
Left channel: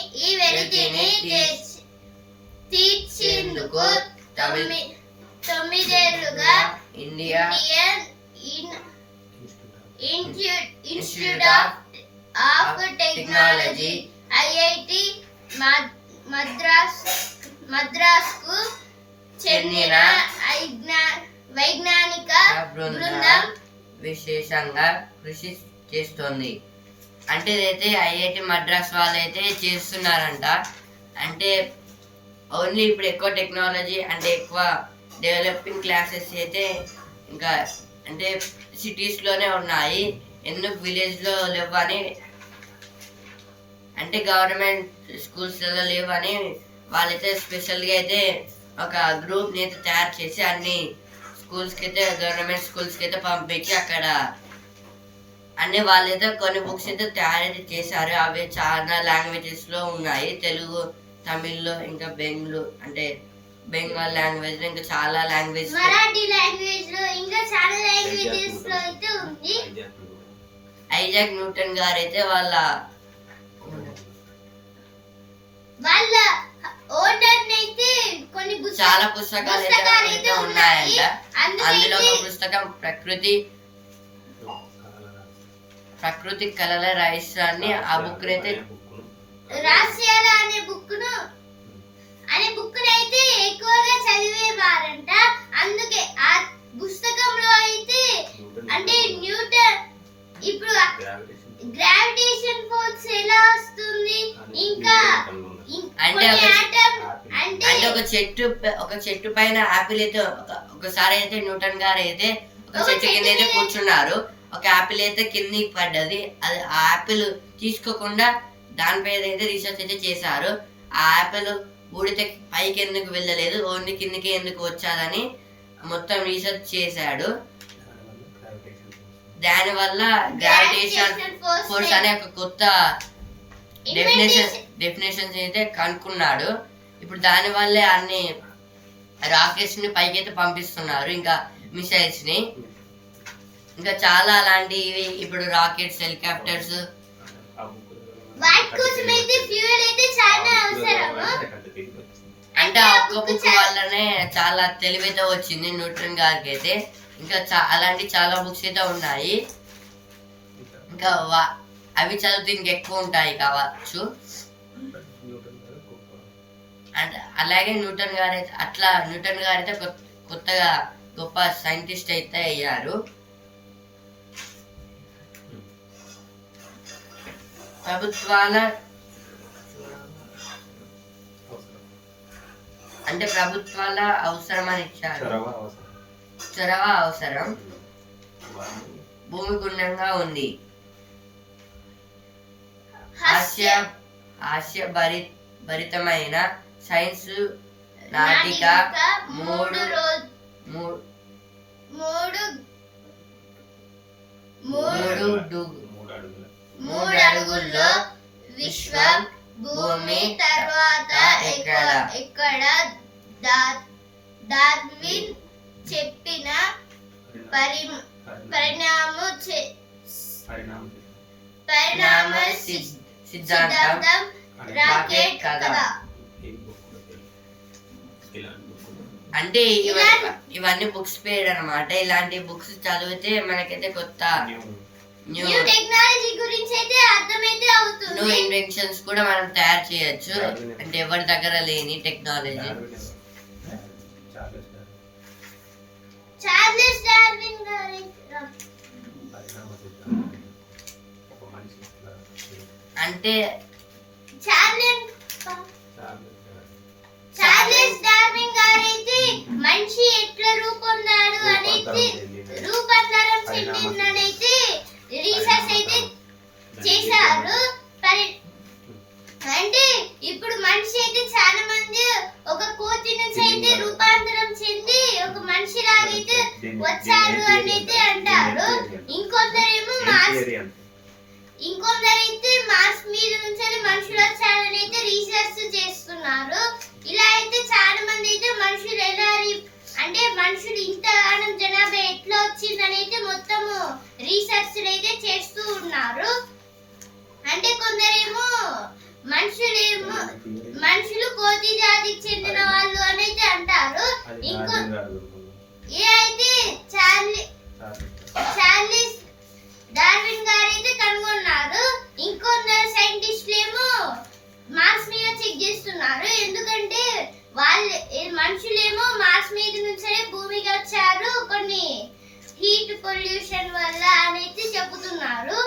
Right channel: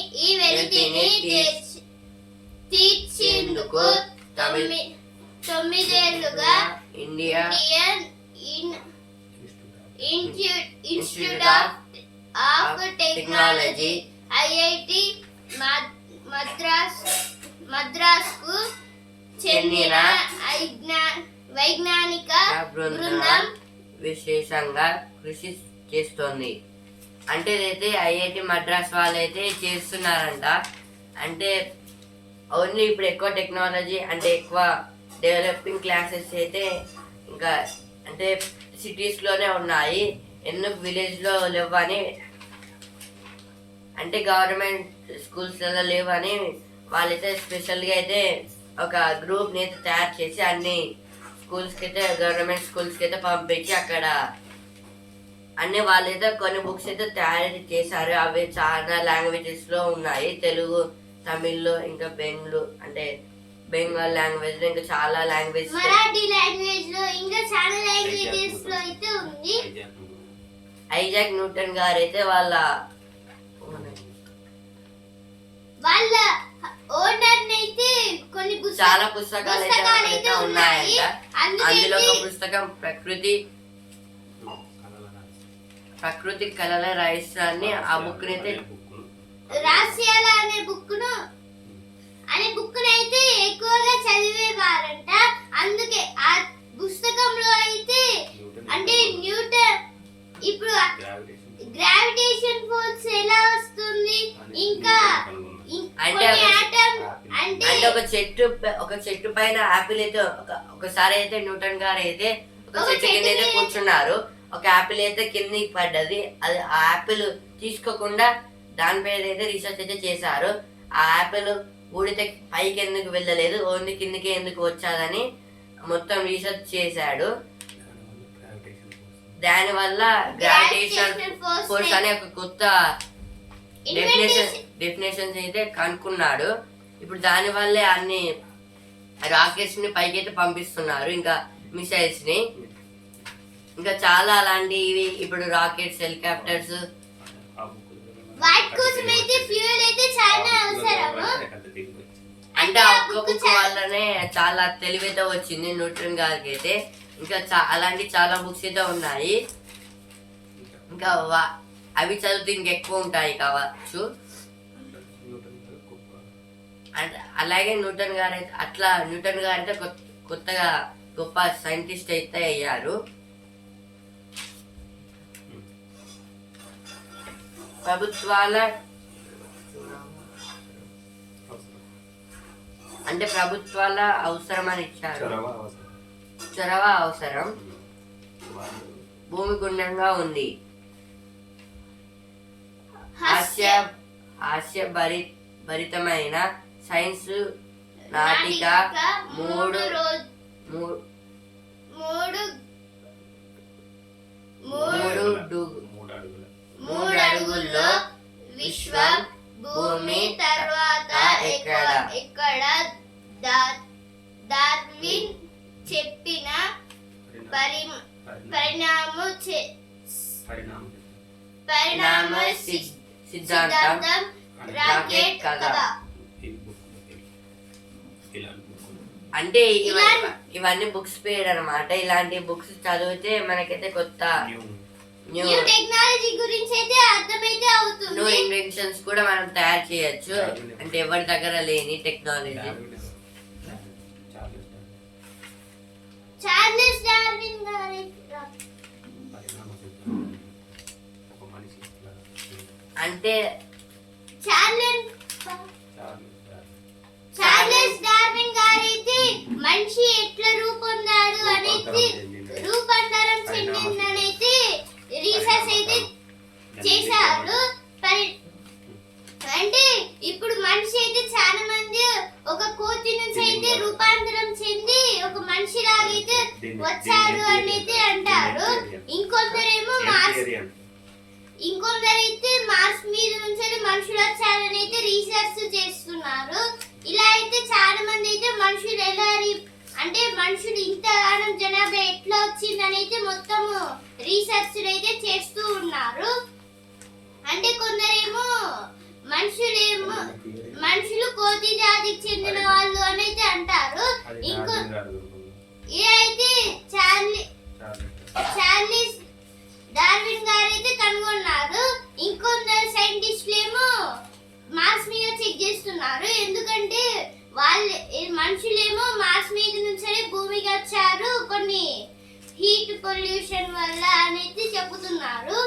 తీర్చేందుకు 9 ఏళ్లుగా Indian Institute of Technology IIT మద్రాస్కు చెందిన వైజ్ఞానిక బృందం విశేషంగా కృషి చేస్తోంది. అంటే ఇదైతే ఐఐటి మద్రాస్ వాళ్ళైతే చేస్తున్నారంట. అంటే ఓన్లీ ఇప్పుడు ఎక్కువ టెక్నాలజీ అంటే ఎక్కువ డెవలపింగ్ క్లాసెస్ అయితే ఇంకా అంటే సిటీస్లోనే ఉన్నాయి, ఎందుకు విలేజ్లో లేవని, అంటే గవర్నమెంట్ స్కూల్స్లలో లేవని వాళ్ళైతే స్పెషల్గా అయితే ఒక గ్రూప్ని అయితే తయారు చేసి అన్ని స్కూల్స్కి అయితే గవర్నమెంట్ స్కూల్స్కి అయితే పంపించి అక్కడ అన్ని వాళ్ళైతే కొన్ని బుక్స్ అయితే తయారు చేశారు. అవి చాలా లాంగ్వేజెస్లో ఉన్నాయి, తెలుగు, తమిళ్లో, ఇంకా బెంగాల్ లాంగ్వేజ్ లో, ఇంకా చాలా లాంగ్వేజ్, మరాఠీ లాంగ్వేజ్ లో, ఇంకా చాలా లాంగ్వేజెస్ లో అయితే ఉంది. ఐజాక్ న్యూటన్ గారు అయితే వాళ్ళ ఓనర్ అయితే కొన్ని చాలా పుస్తకాలు అయితే ఉన్నాయంట. అందులో ఒక పుస్తకం ప్రకృతి కళల రహస్యాన్ని, ఆ బుక్ అయితే రహస్యాలు అనే బుక్ అయితే ఎక్కువగా చదివేవారంట. అందుకే ఆ పుస్తకంలో అయితే అంటే న్యూటన్ ఇప్పుడు గ్రావిటేషన్ ఫోర్స్ ఎలా వస్తుంది, ఇంకా అంటే ఒక చెట్టు పైన ఆపిల్ అయితే ఒకసారి అయితే న్యూటన్ గారు అయితే ఒక చెట్టు కింద అయితే కూర్చున్నారు. ఒక ఆపిల్ అయితే కిందికి పడ్డది. అది ఆ ఆపిల్ తీసుకోకుండా దానిపై అయితే రీసెర్చ్ అయితే చేశారు. ఆ ఆపిల్ ఊడితే పైకి ఎందుకు వెళ్ళలేదు, ఓన్లీ కిందికి ఎందుకు వచ్చాదని మొత్తం రీసెర్చ్ చేశాడు. దానివల్ల గ్రావిటేషన్ ఫోర్స్ అనే ఒక కొత్త డెఫినేషన్స్ అయితే కనుక్కున్నాడు. ఇప్పుడు దాని వల్లే అన్ని రాకెట్స్ ని పైకి అయితే పంపిస్తున్నారు, ఇంకా మిసైల్స్ ని, ఇంకా చాలా అలాంటివి. ఇప్పుడు రాకెట్స్, హెలికాప్టర్స్, అంటే ఒక్క బుక్ వల్లనే చాలా తెలివైతే వచ్చింది న్యూటన్ గారికి అయితే. ఇంకా అలాంటి చాలా బుక్స్ అయితే ఉన్నాయి. ఇంకా అవి చదివితే ఇంకెక్కువ ఉంటాయి కావచ్చు. అంటే అలాగే న్యూటన్ గారు అయితే కొత్తగా గొప్ప సైంటిస్ట్ అయితే అయ్యారు. ప్రభుత్వాల అవసరమని ఇచ్చారు. చొరవ అవసరం భూమి గుండంగా ఉంది. హాస్యభరితమైన సైన్స్ నాటిక 3 అడుగుల్లో విశ్వం భూమి తర్వాత ఎక్కడ డార్విన్ చెప్పిన పరిణామ సిద్ధాంతం రాకెట్ కథ. అంటే ఇవన్నీ బుక్స్ పేరు అనమాట. ఇలాంటి బుక్స్ చదివితే మనకైతే కొత్త న్యూ న్యూ టెక్నాలజీ గురించి అయితే అర్థమైతే అవుతుంది. న్యూ ఇన్వెన్షన్స్ కూడా మనం తయారు చేయొచ్చు. అంటే ఎవరి దగ్గర లేని టెక్నాలజీ. చార్లెస్ డార్విన్ గారి అంటే చార్లెస్ డార్విన్ గారైతే మనిషి ఎట్లా రూపొందాడు అనేది రూపాంతరం చెందిందనైతే రీసెర్చ్ అయితే చేశారు. అంటే ఇప్పుడు మనిషి అయితే చాలా మంది ఒక కోతి నుంచి అయితే రూపాంతరం చెంది ఒక మనిషి లాగైతే వచ్చారు అని అయితే అంటారు. ఇంకొందరైతే మార్స్ మీద నుంచి మనుషులు వచ్చారని అయితే రీసెర్చ్ చేస్తున్నారు. ఇలా అయితే చాలా మంది అయితే మనుషులు ఎలా అంటే మనుషులు ఇంతగానం జనాభా ఎట్లా వచ్చిందని అయితే మొత్తము రీసెర్చ్ అయితే చేస్తూ ఉన్నారు. అంటే కొందరేమో మనుషులు కోతి జాతికి చెందిన వాళ్ళు అని అయితే అంటారు. ఇంకో అయితే చార్లెస్ డార్విన్ గారు అయితే కనుగొన్నారు. ఇంకొందరు సైంటిస్టులు ఏమో మార్స్ మీద చెక్ చేస్తున్నారు. ఎందుకంటే మనుషులేమో మార్స్ మీద నుంచి భూమికి వచ్చారు కొన్ని హీట్ పొల్యూషన్ వల్ల అనేది చెబుతున్నారు.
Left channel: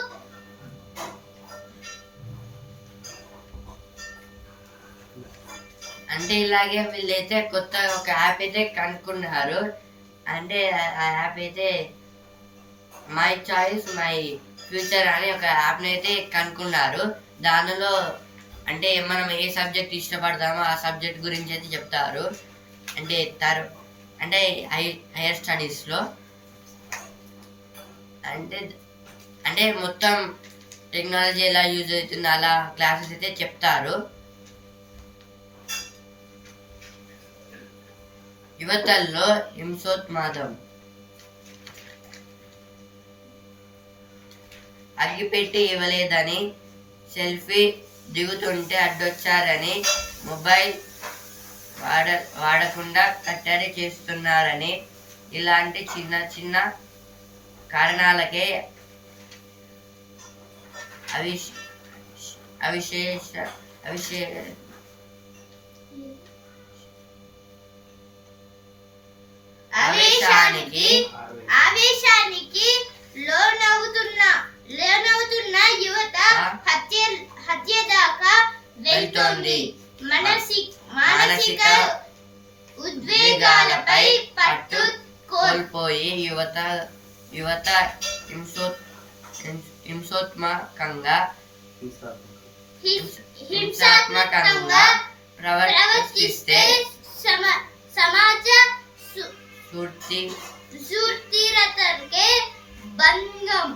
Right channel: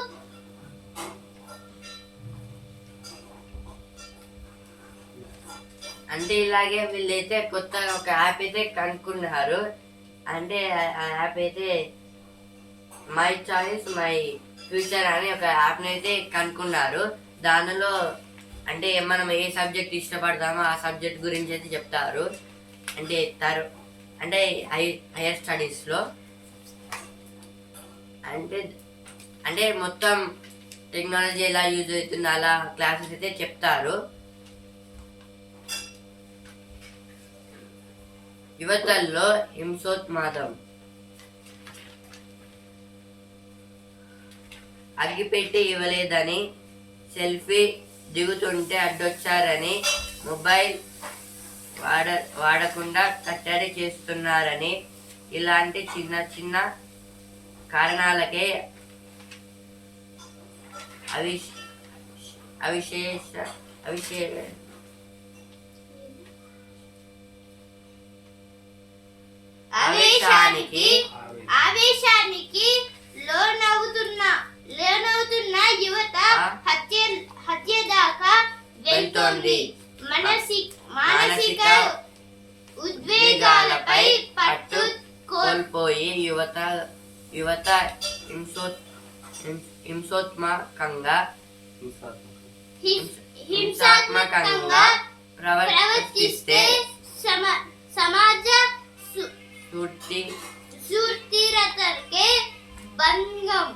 అంటే ఇలాగే వీళ్ళైతే కొత్త ఒక యాప్ అయితే కనుక్కున్నారు. అంటే ఆ యాప్ అయితే మై చాయిస్ మై ఫ్యూచర్ అని ఒక యాప్ని అయితే కనుక్కున్నారు. దానిలో అంటే మనం ఏ సబ్జెక్ట్ ఇష్టపడతామో ఆ సబ్జెక్ట్ గురించి అయితే చెప్తారు. అంటే హైయర్ స్టడీస్లో అంటే మొత్తం టెక్నాలజీ ఎలా యూజ్ అవుతుందో అలా క్లాసెస్ అయితే చెప్తారు. యువతల్లో హింసోత్మాదం. అగ్గిపెట్టి ఇవ్వలేదని సెల్ఫీ దిగుతుంటే అడ్డొచ్చారని మొబైల్ వాడకుండా కట్టడి చేస్తున్నారని ఇలాంటి చిన్న చిన్న కారణాలకే ఆవేశానికి లోనవుతున్న యువత హత్య దాకా వెళ్తోంది. మానసిక ఉద్వేగాలపై పట్టు కోల్పోయి యువత హింసాత్మకంగా ప్రవర్తిస్తే సమాజ సుస్థిరతకే భంగం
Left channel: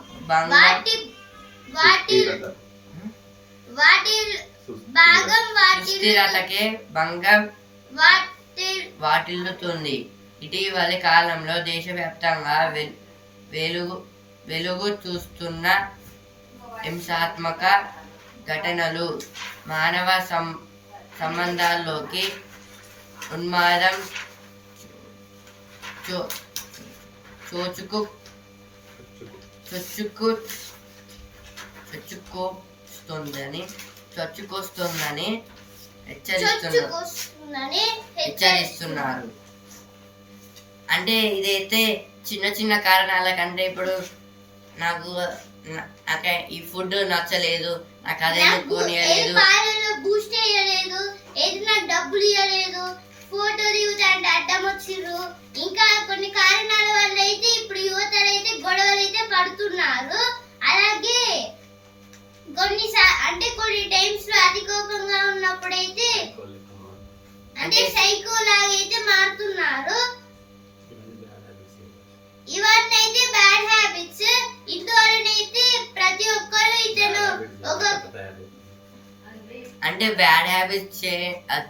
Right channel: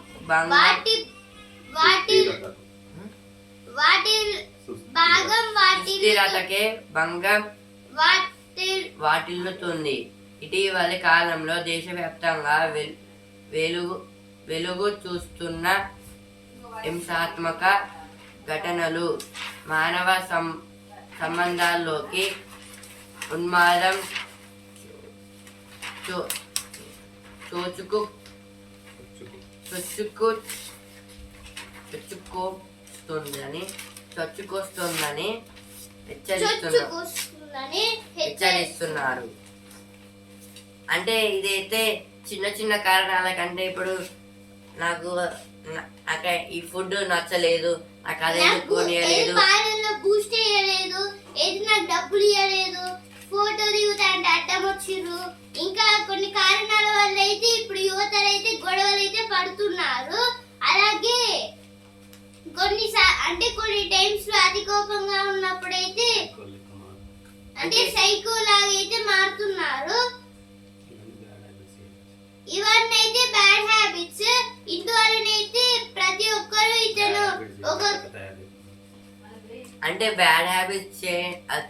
వాటిల్లుతుంది. ఇటీవలి కాలంలో దేశవ్యాప్తంగా వెలుగు చూస్తున్న హింసాత్మక ఘటనలు మానవ సంబంధాల్లోకి ఉన్మాదం చొచ్చుకొస్తుందని హెచ్చరిస్తున్నారు. అంటే ఇదైతే చిన్న చిన్న కారణాల కంటే ఇప్పుడు నాకు ఈ ఫుడ్ నచ్చలేదు, నాకు అదే కొనియలేదు, బూస్ట్ చేయలేదు, ఏదైనా డబ్బులు ఇవ్వలేదు, ఫోటో దిగుతాంటే అడ్డం వచ్చిర్రు, ఇంకా కొన్ని కారణాల వల్ల అయితే ఇప్పుడు యువతలు అయితే గొడవలు అయితే పడుతున్నారు. అలాగే కొన్ని టైమ్స్ లో అతి కోపంగా ఉన్నప్పుడైతే అంటే సైకో లాగా అయితే మారుతున్నారు. ఇవన్నీ అయితే బ్యాడ్ హ్యాబిట్స్. ఇందువలనైతే ప్రతి ఒక్కరు ఇతను అంటే బ్యాడ్ హ్యాబిట్స్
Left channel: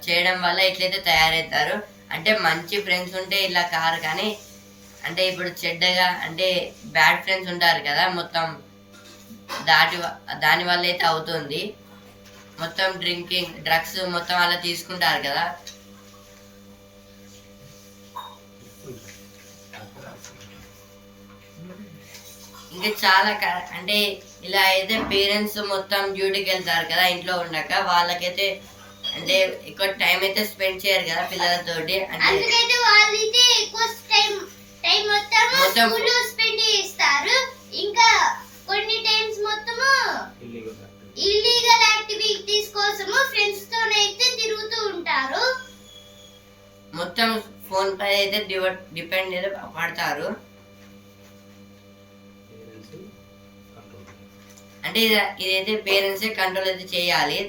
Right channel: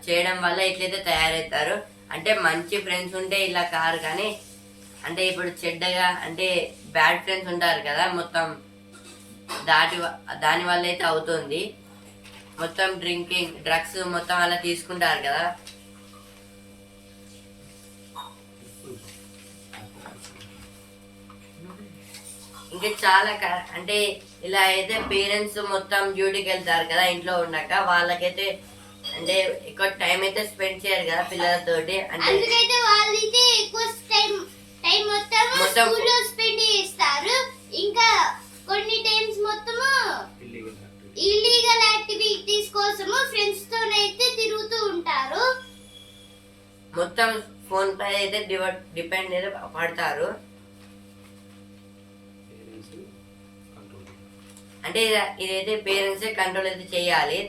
చేయడం వల్ల ఇట్లయితే తయారవుతారు. అంటే మంచి ఫ్రెండ్స్ ఉంటే ఇలా కారు, కానీ అంటే ఇప్పుడు చెడ్డగా అంటే బ్యాడ్ ఫ్రెండ్స్ ఉంటారు కదా, మొత్తం దాని వల్ల అయితే అవుతుంది. మొత్తం డ్రింకింగ్ డ్రగ్స్ మొత్తం అలా తీసుకుంటారు కదా. ఇంకా చాలా అంటే ఇలా అయితే పేరెంట్స్ మొత్తం డ్యూటీకి వెళ్తారు కదా ఇంట్లో ఉండక, వాళ్ళకైతే అంటే ఎక్కువ టైం అయితే స్పెండ్ చేయరు కదా పిల్లలతోటి. అంటే అందుకైతే వాళ్ళైతే ఎక్కువ టైం మొత్తం స్కూల్లో స్పెండ్ చేస్తారు. ఇంకా కొన్ని టైమ్స్ మొత్తము ఇల్లీగల్ యాక్టివిటీస్ కోసము ఫ్రెండ్స్ తోనైతే తిరుగుతూ ఉంటారు. మొత్తం ఫోన్ పై అయితే డిపెండ్ అయితే పడతారు. అంటే ఇదైతే పేరెంట్సే కంట్రోల్ అయితే చేయాలి.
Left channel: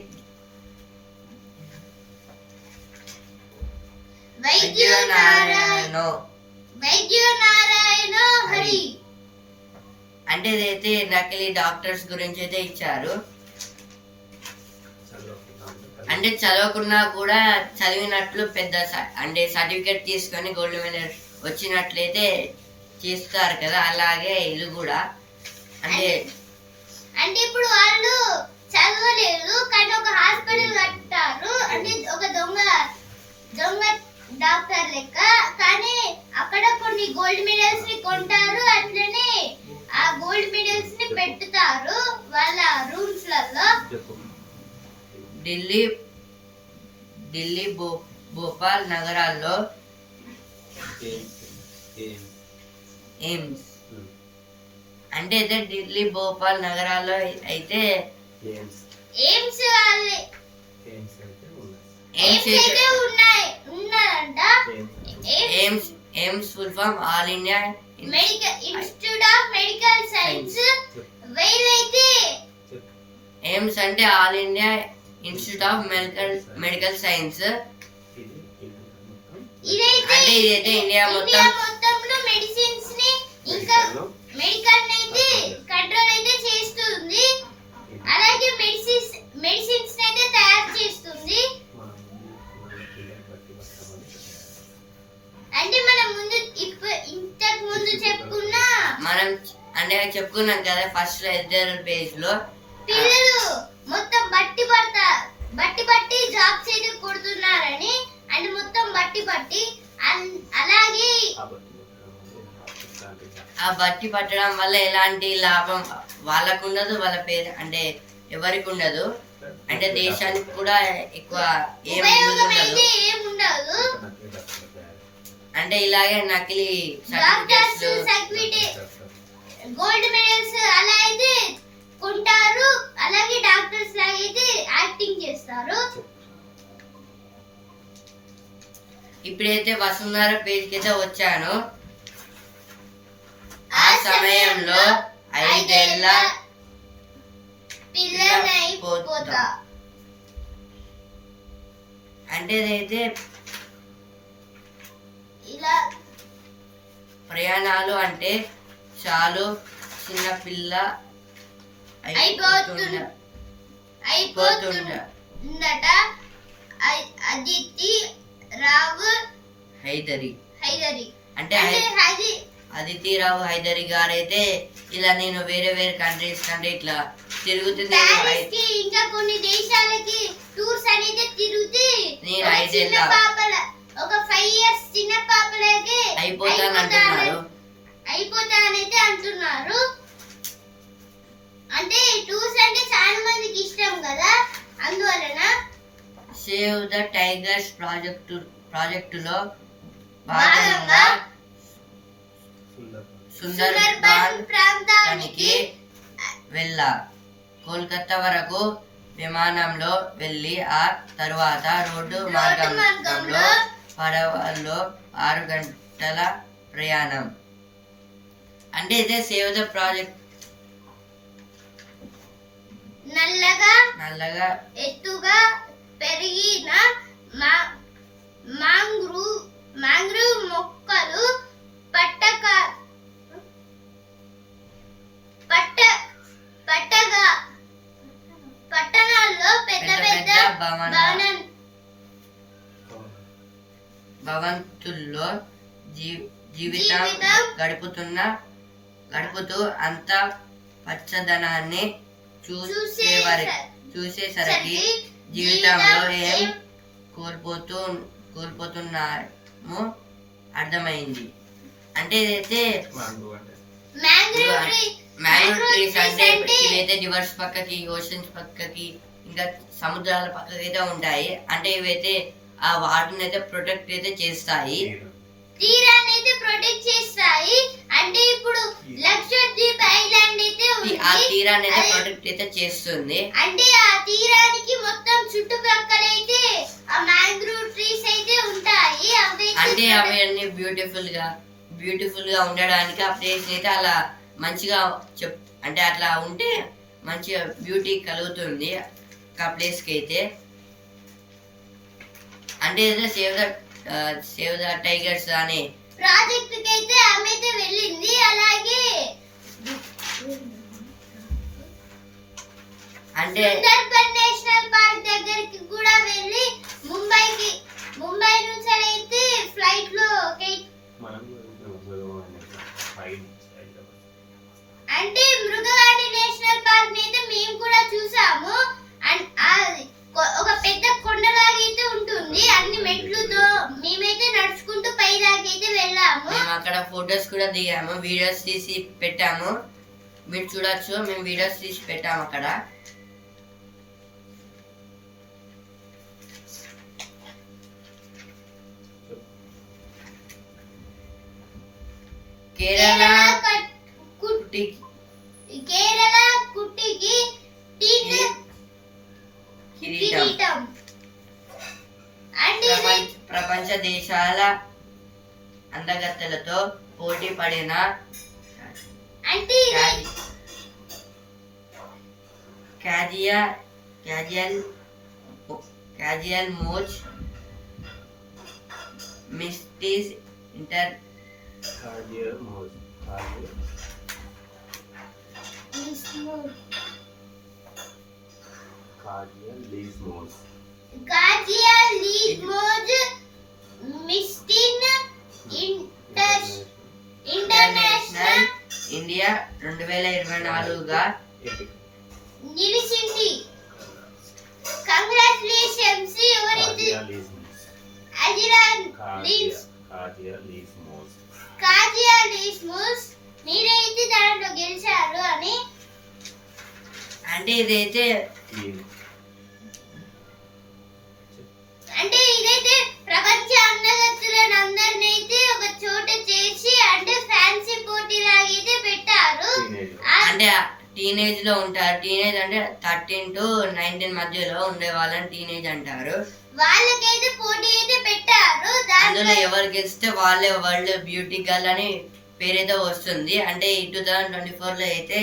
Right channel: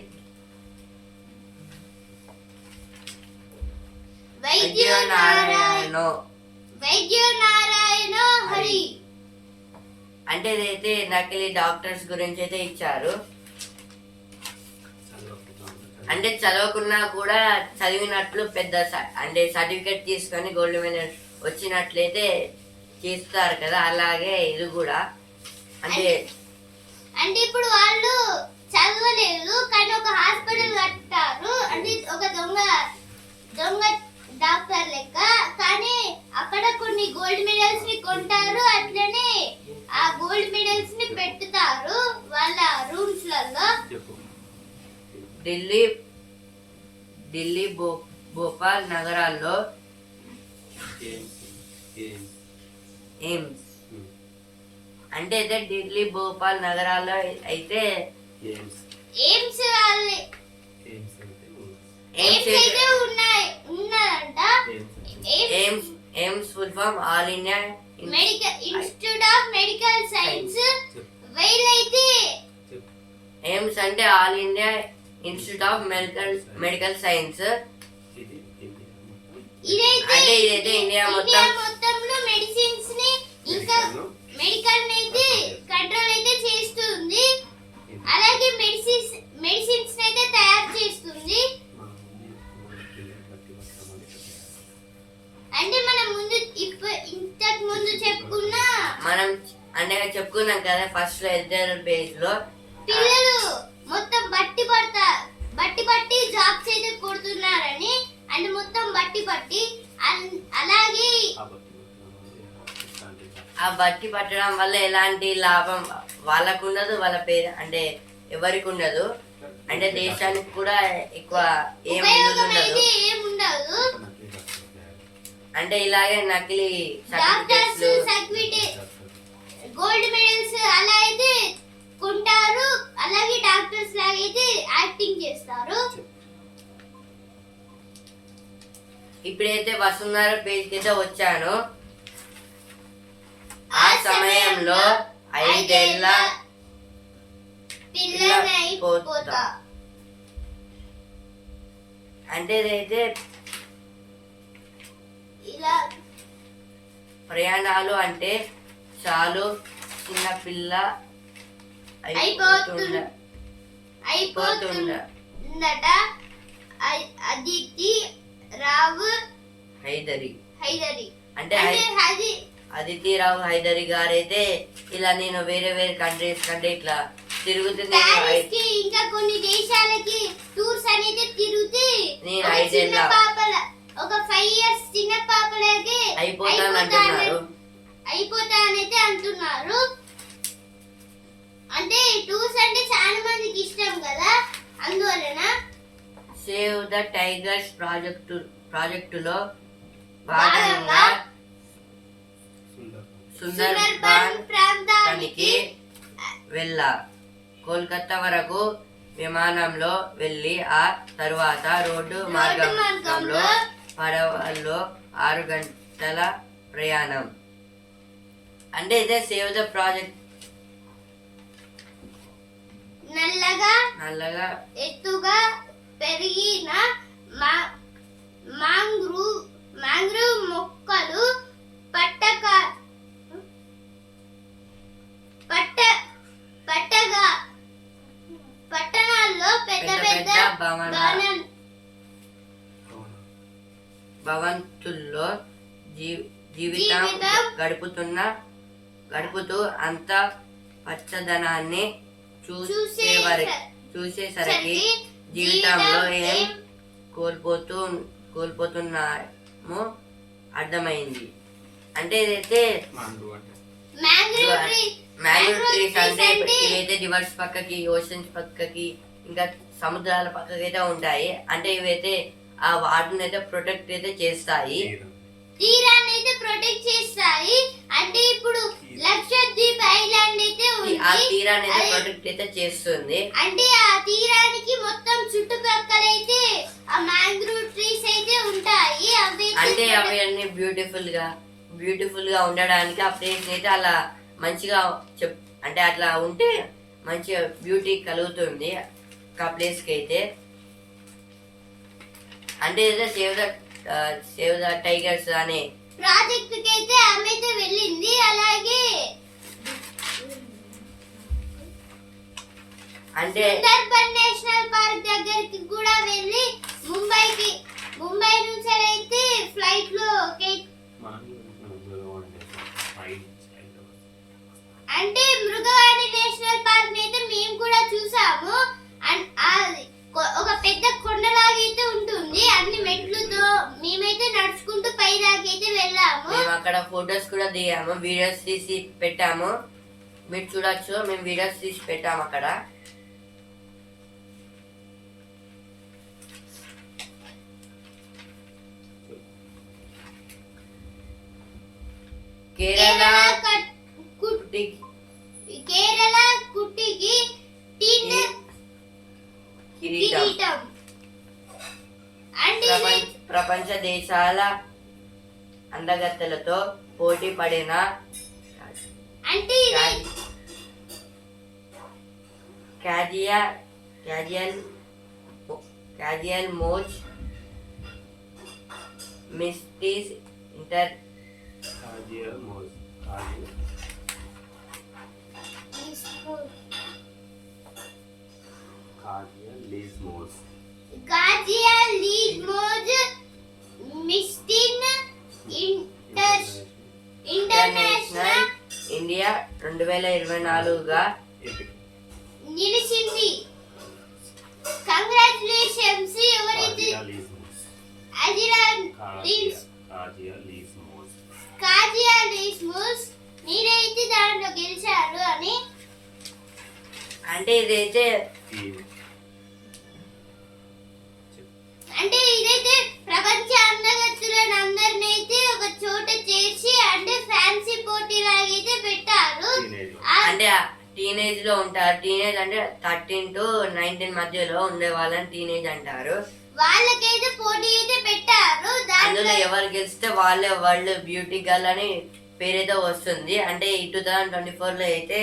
వైద్య నారాయణ హరి అంటే ఇదైతే నకిలీ డాక్టర్స్ గురించి అయితే ఇచ్చారు. అంటే చదవకున్నా కూడా చదివినట్లు పెద్ద అంటే సర్టిఫికేట్ తీసుకొని గోల్డ్ మెడల్ వచ్చినట్లయితే చేస్తారు కదా, అలాగే ఇది కూడా. అంటే ఇప్పుడు వాళ్ళు చదవలేదు కానీ ఒక హాస్పిటల్ కట్టారు. అంటే ఒక దొంగ డాక్టర్ లెక్క, కానీ అక్కడ కొన్ని గోల్డ్ మెడల్స్ ని కొంటారు. అట్లనే ఆ గోల్డ్ మెడల్స్ ని పెట్టుతారు వాళ్ళ రూమ్స్ లలో. ఢిల్లీ భోపాల్ నగరాల్లో ఎయిమ్స్ అంటే అయితే ఢిల్లీ భోపాల్ నగరాల్లో అయితే AIIMS AIIMS full form all India institute of medical science. వీళ్ళైతే ఎయిమ్స్ అంటే all India institute of medical science. అంటే ఇదైతే ఇండియా మొత్తంలో మెడిసిన్స్ ని ఇంకా మెడికల్ అయితే కంట్రోల్ అయితే చేస్తుంది. అలాగే మెడిసిన్స్ అయితే తయారు చేస్తుంది. అంటే మనం ఇంతకు ముందు చెప్పుకున్నాం కదా ఫస్ట్ లో ఇద్దరు పేజ్ లో పిల్లలు మొత్తం బట్టి జాబ్స్ అయితే కొడుతున్నారని, అంటే మొత్తం బట్టి అలాగే ఆ బట్టి పట్టడం వల్ల ఎలాంటి లాభం వాళ్ళకు ఉండదు, వాళ్ళ పేరు అంటే ఎవరికి ఉండదు, అంటే దేశానికి కూడా ఎక్కువ ఏం ఉండదు. అంటే ఇలాగే నకిలీ సర్టిఫికెట్స్ గోల్డ్ మెడల్స్ అలా అయితే కొంటారు. అలాగే డాక్టర్స్ లాగా అయితే యాక్టింగ్ చేస్తారు. ఇప్పుడైతే వసుంధర పేజ్ కి అయితే వచ్చాను. ఆ సమయంలో 5 ఏళ్ల పిల్లలైపోతా. అంటే ఇదైతే ఇలా ప్రయాణాలు అంటే చాలు చిన్న పిల్ల అయిపోతుందట. అదితి రావు హైదరి అంటే అది అదితి రావు హైదరి గారైతే ఇలా నేను వేరే వేరే కంట్రీస్ కంటే ఇట్లా తిరుగుతుంది. ఇంకా కొన్ని దేశాలకి టూర్స్ అనేది తిరుగుతూ నేను 5 ఏళ్ల ఒక 5 ఇయర్స్ చిన్న పాపలైతే అయిపోతానైతే అంటున్నారు. అంటే టూర్స్ అంటే చాలా మందికి ఇష్టం కదా, అందువలన సేవ్ ద టైగర్స్ ప్రాజెక్టులో భాగంగా సుందర్బన్ ప్రాంతానికి వెళ్ళా. కోల్కతా వరకు విమానంలో వెళ్ళి ఆ తరువాత రోడ్డు మార్గంలో పడవలో 6 గంటల ప్రయాణం. అంటే ఇదే సేవ్ ద ప్రాజెక్ట్. నల్లగా ఎత్తుగా పెరిగిన మాంగ్రూవ్ మొక్కలు పట్టణాల్లో పెద్ద భవంతుల్లో జీవితం గడుపుతూ అంత పచ్చదనాన్ని చూసేసరికి జీవితంలో ఏం కోల్పోతున్నామో అర్థమైంది. అంటే ఇదైతే మ్యాంగ్రూవ్ ట్రీస్ అంటే ఇవైతే రివర్స్ పక్కకి, ఓషన్స్ పక్కకి, ఇంకా సముద్రాల పక్కకి అయితే ఉంటాయి. అంటే ఇవైతే ఆ వాటర్ని అయితే ప్రొటెక్ట్ అయితే చేస్తాయి, తీరాన్ని అయితే ప్రొటెక్ట్ చేస్తాయి. అంటే ఇప్పుడు లక్షద్వీప్ ఐలాండ్ అయితే ఆ తీరాన్ని అయితే ప్రొటెక్ట్ అయితే చేస్తుంది. అంటే ఆ తీరానికి మొత్తం చుట్టుపక్కల అయితే ఆ మ్యాంగ్రూవ్ ట్రీస్ అయితే ఉంటాయి. అంటే అవి అన్ని బ్యూటిఫుల్ గా ఉండడానికి ఆ ప్లేస్ అయితే అలా మంచిగా అంటే అట్లా ఉంటే మంచిగా బ్యూటీ కలుగుతుంది ఆ ప్లేస్ కి అయితే. అంటే సేవ్ ద టైగర్స్ అనే ప్రాజెక్ట్ కి అయితే ఆమె అయితే వెళ్ళింది. అలాగే అంటే సుందర్బన్ నేషనల్ పార్క్ దగ్గరికి కూడా వెళ్ళి ముంబై నుంచి అయితే ఫ్లైట్ లో అంటే మృగవాణి నేషనల్ పార్క్ అయితే మేము కూడా చూసాము. ఒక పెద్ద కొండలాగా అయితే ఉంటుంది, అన్ని మెట్లుతో. మేమైతే నడుచుకుంటూ పై దాకైతే వెళ్ళాము. మేము అక్కడ ఫొటోస్ కూడా దిగాము, వీడియోస్ తీసి పెట్టాము. మీరు చూడొచ్చు, మేము వీడియోస్ తీసి పెట్టాము అక్కడ. కేరళ కుట్టికి కిరీటం ప్రపంచ దేశాల అందగత్తెలతో పోటీ పడిన క్యాజియల్ మోజ్ మిస్టీస్ ఇంటర్నేషనల్ ఇండియా 2024గా నిలిచింది. కంగ్రాచులేషన్స్. ఎవరైతే కాజియా లీస్మోస్ మీరైతే దాంట్లో గెలిచారు అని. అంటే ఇదైతే ప్రపంచ అందగత్తులను అందరిని అయితే ఒక చోట చేసి అంటే ఫ్యాన్సీ పోటీ లాగైతే పెట్టారు. అంటే టీనేజ్ లో ఉంటారు. టీనేజ్ అంటే 13 to 19 మధ్యలో ఉండే వాళ్ళని టీనేజ్ అంటారు. వాళ్ళకైతే పోటీ అయితే పెట్టారు. అందులో ఎవరు గెలిస్తే వాళ్ళే వరల్డ్ బ్యూటీ గర్ల్ అని పేరైతే వస్తుంది. అంటే 2024 లో అయితే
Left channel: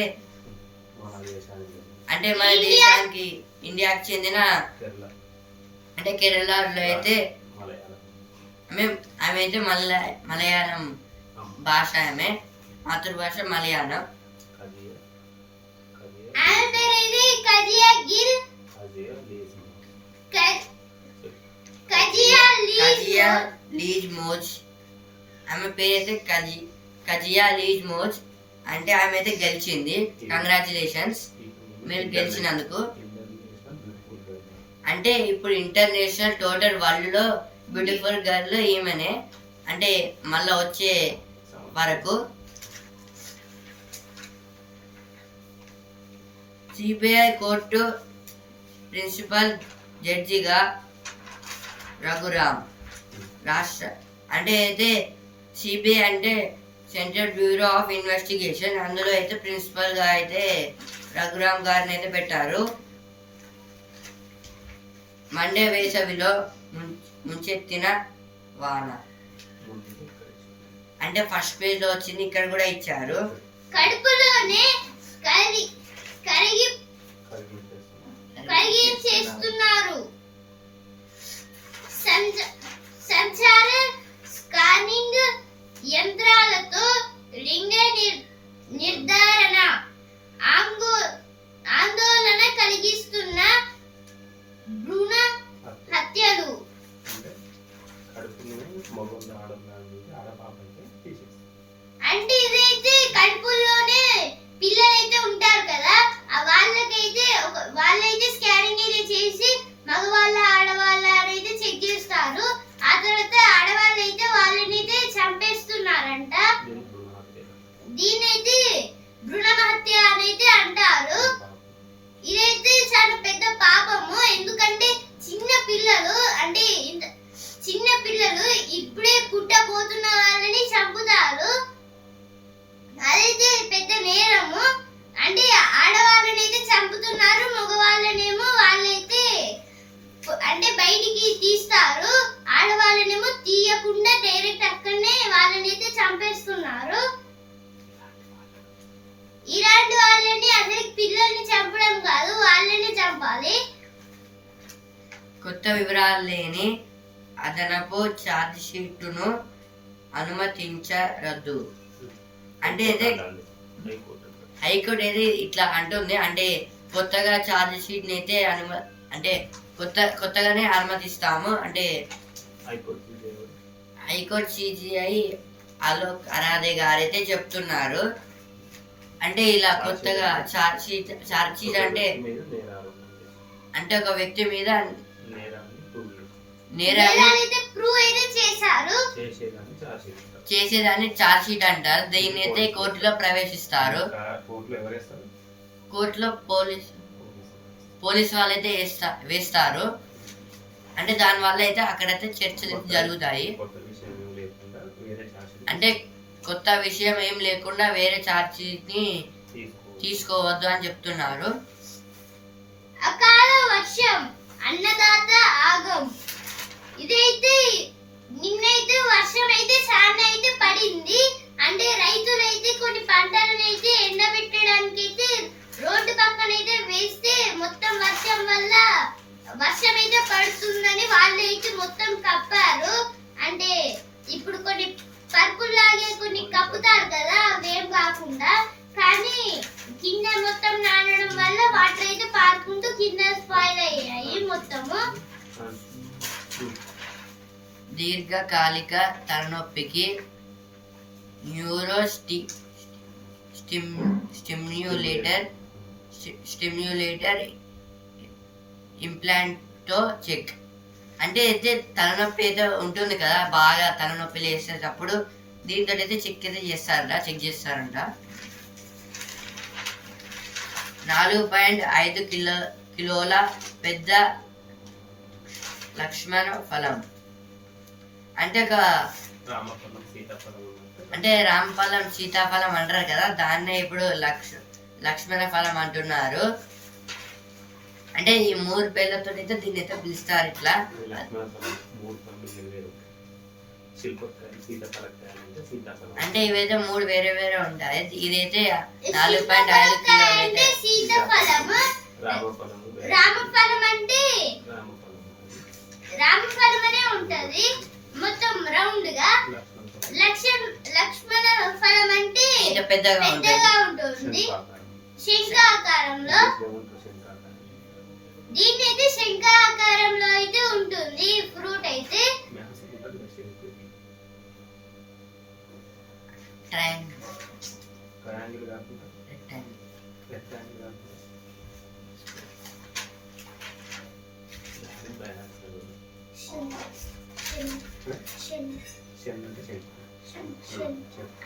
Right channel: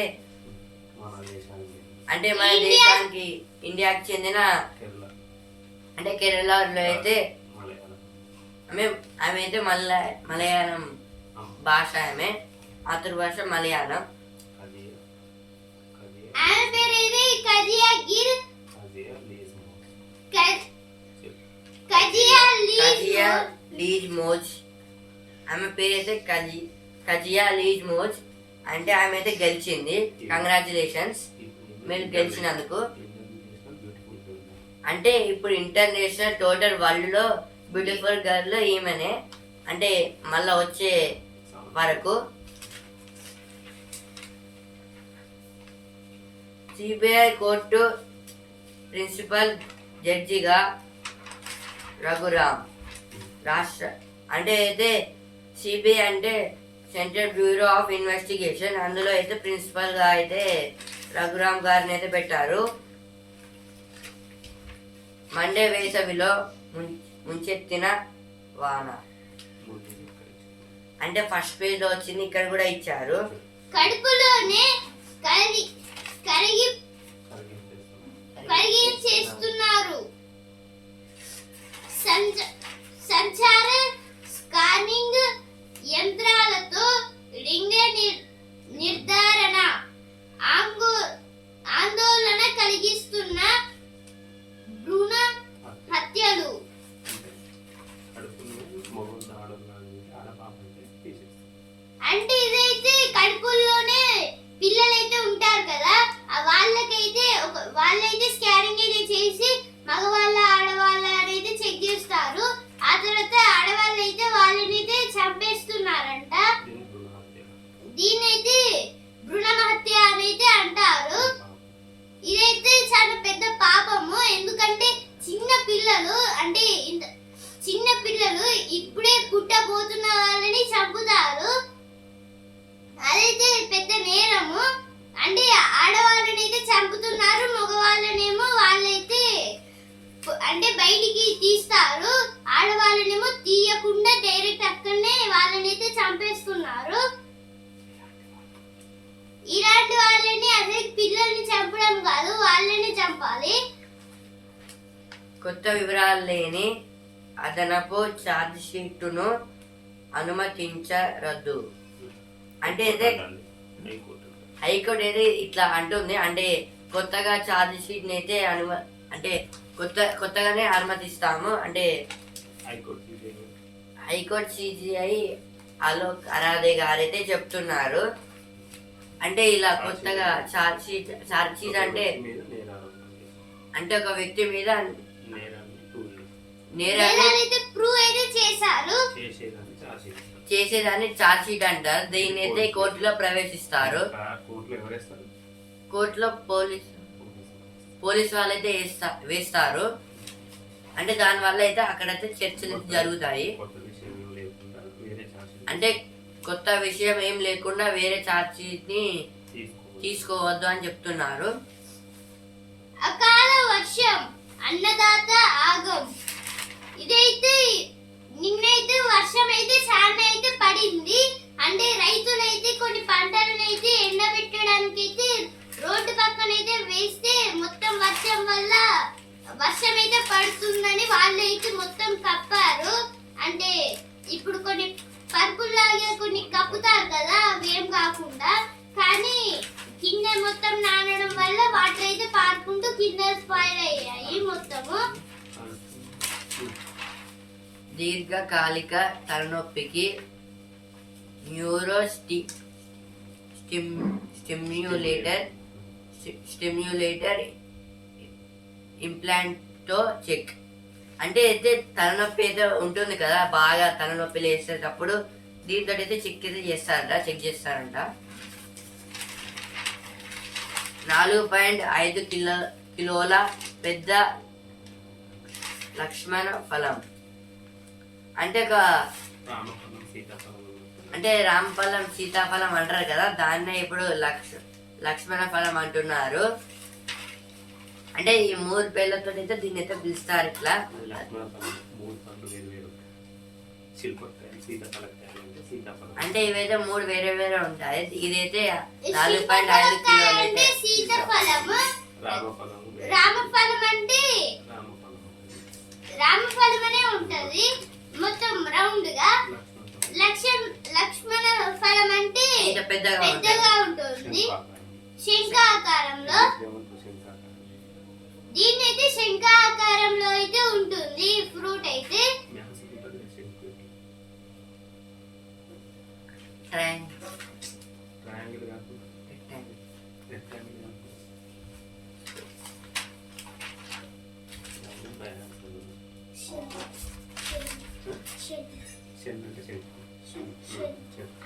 అంటే మన దేశానికి ఇండియాకి చెందిన అంటే కేరళలో అయితే ఆమె అయితే మలయాళం భాష, ఆమె మాతృభాష మలయాళం. కజియా లీజ్ మోజ్. ఆమె పేరైతే కజియా లీజ్ మోజ్. అంటే ఆమె అయితే గెలిచింది. కంగ్రాచులేషన్స్ మీరు గెలిచినందుకు. అంటే ఇప్పుడు ఇంటర్నేషనల్ టోటల్ వరల్డ్ లో బ్యూటిఫుల్ గర్ల్ ఈమెనే. అంటే మళ్ళా వచ్చే వరకు సిబిఐ కోర్టు ప్రిన్సిపల్ జడ్జిగా రఘురామ్. అంటే అయితే సిబిఐ అంటే సెంట్రల్ బ్యూరో ఆఫ్ ఇన్వెస్టిగేషన్, అందులో అయితే ప్రిన్సిపల్ గా అయితే రఘురామ్ గారిని అయితే పెట్టారు. మండే వేసవిలో ముంచెత్తిన వాన. అంటే ఫస్ట్ పేజ్ లో వచ్చింది, ఇక్కడ కూడా ఇచ్చారు. కడుపులోనే కరిగించేస్తున్నారు. సంచార స్కానింగ్ యంత్రాలతో లింగ నిర్ధారణ ఆందోళన కలిగిస్తున్న భ్రూణ హత్యలు. అంటే ఇదైతే కడుపుల్లోనే పిల్లలైతే ఉంటారు కదా, వాళ్ళైతే స్కానింగ్ మగవాళ్ళ ఆడవాళ్ళ అనేది చెక్ చేస్తారు. ఆ తర్వాత ఆడవాళ్ళు అయితే వాళ్ళని అయితే చంపేస్తున్నారంట. దీనైతే భ్రూణహత్య అని అయితే అంటారు. ఇదైతే చాలా పెద్ద పాపము. ఎందుకంటే చిన్న పిల్లలు అంటే చిన్న పిల్లలు ఇప్పుడే పుట్టబోతున్న వాళ్ళని చంపుతారు. అదైతే పెద్ద నేరము. అంటే ఆడవాళ్ళని అయితే చంపుతున్నారు, మగవాళ్ళనేమో వాళ్ళైతే అంటే బయటికి తీస్తారు, ఆడవాళ్ళనేమో తీయకుండా డైరెక్ట్ అక్కడనే వాళ్ళనైతే చంపేస్తున్నారు. ఇలాంటి వాళ్ళని అసలు పిల్లల్ని చంపడం కాదు, వాళ్ళని చంపాలి. కొత్త వివరాలు లేని అదనపు ఛార్జ్ షీటును అనుమతించరద్దు. అంటే అయితే హైకోర్టు అయితే ఇట్లా అంటుంది. అంటే కొత్తగా ఛార్జ్ షీట్ని అయితే అంటే కొత్తగానే అనుమతిస్తాము. అంటే హైకోర్టు సిజిఐ అలోక్ అరాధే గారు అయితే చెప్తున్నారు. అంటే ఇలా కొత్తగా ఛార్జ్ షీట్ అంటే ఒక వ్యక్తి మీద నేరాన్ని ప్రూవ్ అయితే చేసేదాన్ని ఛార్జ్ షీట్ అంటారు. దీన్ని అయితే కోర్టులో ప్రవేశిస్తారు. కోర్టులో పోలీస్ వాళ్ళైతే వేస్తారు. అంటే దానివల్ల అయితే అక్కడైతే చర్చలు జరుగుతాయి. అంటే కొత్త విషయం ఏం లేకుండా వేరే ఛార్జ్ షీట్ ని తీసుకోవద్దు అని చెప్తున్నారు. అకాల వర్షం అన్నదాత ఆగం. ఇదైతే నిన్నైతే వర్షం అయితే చాలా అయితే పడింది. అంటే రైతులైతే కొన్ని పంటలను అయితే ఎండబెట్టడానికి అయితే రోడ్డు పక్కన అయితే వేస్తే మొత్తం వర్షం వల్ల వర్షం అయితే పడుతుందని వాళ్ళు అయితే మొత్తం కప్పారు. అంటే ఇప్పుడు కొన్ని పరుపులాగే కొన్ని కప్పుతారు కదా, అవేం కాకుండా. కానీ కింద మొత్తం నానడం వల్ల వాటర్ అయితే పారుకుంటూ కింద స్పాయిల్ అయ్యాయి మొత్తము. దీర్ఘకాలిక తలనొప్పికి న్యూరో స్టిమ్యులేటర్ ఇంప్లాంట్తో చెక్. అంటే అయితే తలనొప్పి అయితే ఉంటుంది కదా, బాగా తలనొప్పి లేసేటప్పుడు దీంతో అయితే చెక్ చేస్తారంట. 4.5 కిలోల పెద్ద లక్ష్మణ ఫలం. అంటే ఒక రామఫలం సీతాఫలం అంటారు కదా, దాన్నే ఇప్పుడు లక్ష్మణ ఫలం అంటున్నారు. అంటే ఈ 3 పేర్లతో అయితే దీన్ని అయితే పిలుస్తారు ఇట్లా. అంటే ఇవైతే 3 వేరే వేరే ఉంటాయి. ఇదైతే 4.5 కిలోలు అయితే రామఫలం అంటే రామఫలం అనే ఉంటది మొత్తం రౌండ్ గా. లక్ష్మణ ఫలం అంటే పెద్దగా ఉంటుంది, శంఖాకారంలో. దీన్ని అయితే శంఖాకారంలో అయితే ఉంటుంది ఫ్రూట్ అయితే.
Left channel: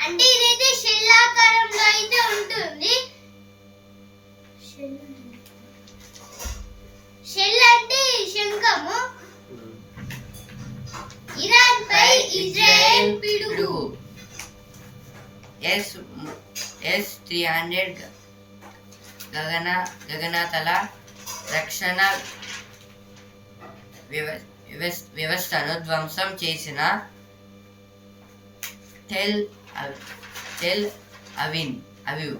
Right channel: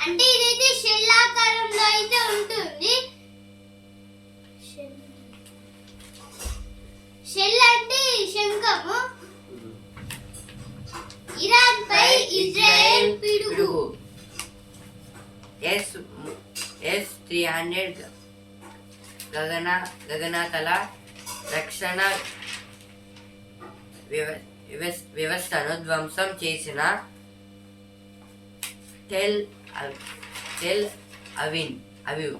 అంటే ఇదైతే షెల్లాకారంలో అయితే ఉంటుంది. షెల్ అంటే శంఖము. ఇరాన్ పై ఇజ్రాయెల్ పిడుగు. S-300 గగనతల రక్షణ వ్యవస్థను ధ్వంసం చేసిన టెల్ అవివ్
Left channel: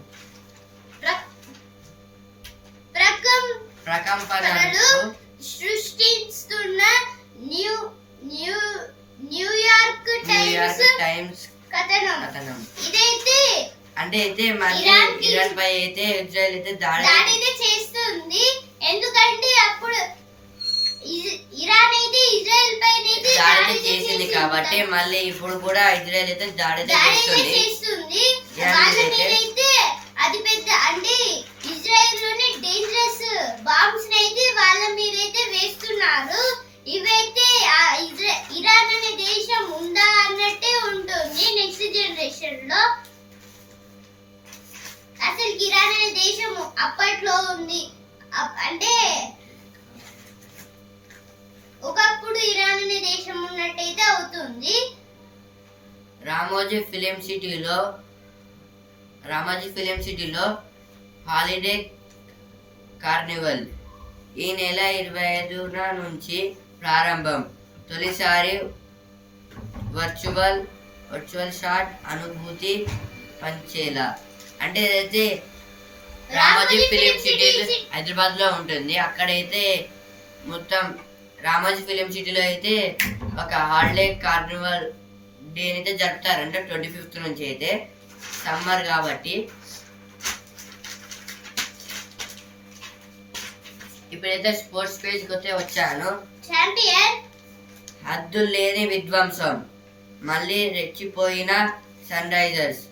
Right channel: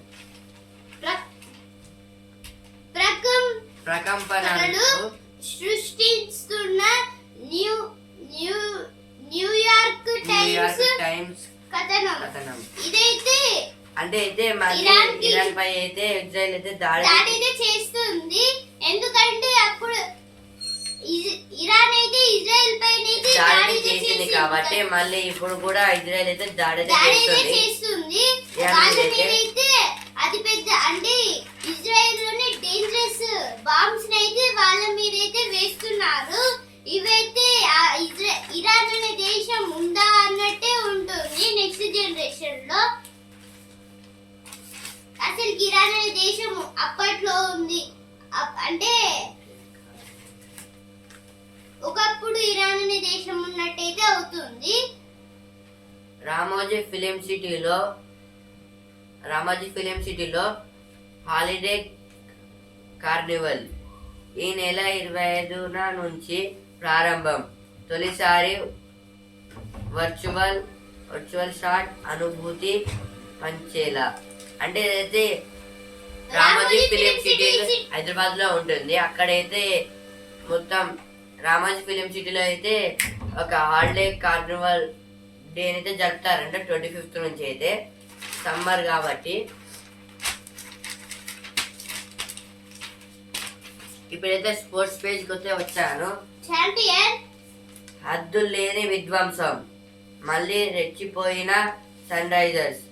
ప్రకంపనలు సృష్టిస్తున్న న్యూయార్క్ టైమ్స్ కథనం. ఇదైతే అంటే అయితే మళ్ళీ ఇరాన్ పై అయితే ఇజ్రాయెల్ అయితే దాడి చేస్తుంది. ఎందుకంటే అప్పుడు ఇరాన్ అయితే ఇజ్రాయెల్ పై దాడి చేసింది కాబట్టి మళ్ళీ ఇప్పుడు కూడా ఇజ్రాయెల్ అయితే దాడి చేస్తుంది. అయితే అది పెద్ద అంటే ఇజ్రాయెల్ లోనే డేంజరస్ బాంబ్స్ అయితే వాళ్ళ మీద అయితే వేస్తున్నారు. అసలు ఇరాన్ అనే దేశం అప్పట్లో ఉంది. అంటే ఒకప్పుడు ఇరాన్ అనే దేశం ఉన్నట్టయితే అవుతుంది. రామోజీ ఫిలిం సిటీలో హాలిడే కార్నివల్ ఈ నెల 25న నుంచి ప్రారంభం. తొలిసారి వర్చువల్ షాట్ అనుభూతి పంచేలా. అంటే ఏదైతే రామోజీ ఫిలిం సిటీ హైదరాబాద్ లో ఉంటుంది, అక్కడైతే మొత్తం రామోజీ ఫిలిం సిటీలో అయితే ఒక హాలిడే కార్నివల్ డే అయితే జరుపుతారంట 25th నుంచి. అయితే సమ్మర్ కాబట్టి ఇప్పుడైతే స్పోర్ట్స్ పేజ్కి వస్తే వచ్చాను. ఛాంపియన్ హద్దులు లేని విధ్వంసం, మళ్ళీ రెచ్చిపోయిన సన్ రైజర్స్,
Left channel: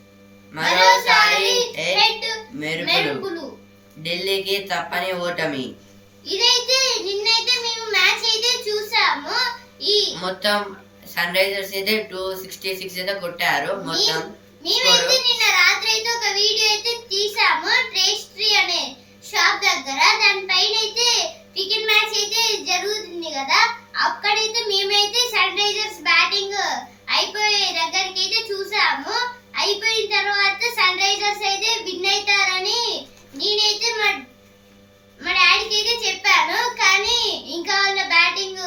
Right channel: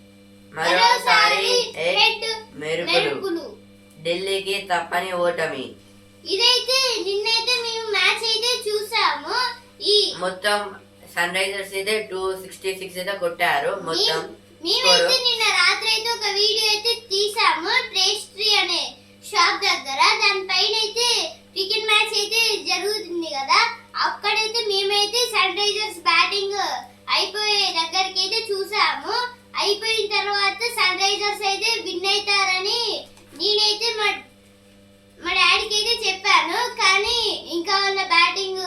మరోసారి మెరుపులు, ఢిల్లీకి తప్పని ఓటమి. ఇదైతే నిన్నైతే మేము మ్యాచ్ అయితే చూసాము. ఈ మొత్తం సన్ రైజర్స్ అయితే 266 అయితే కొట్టారు మొత్తం. మేమైతే నిన్న రాత్రి అయితే ఒక వీడియో అయితే తీసాము ట్రేస్ట్రీ అనే షాప్ దగ్గర. దానిపైన అయితే క్రికెట్ మ్యాచ్ అయితే జరుగుతుంది కదా, అక్కడైతే మేమైతే సన్ రైజర్స్ బ్యాటింగ్ అయిపోయే దగ్గరికి అయితే చూసాము. అయిపోయిన తర్వాత సన్ రైజర్స్ అయితే విన్ అవుతారని నేనైతే మా డాడీకి అయితే చెప్పాను. కానీ ఇంకా వాళ్ళ బ్యాటింగ్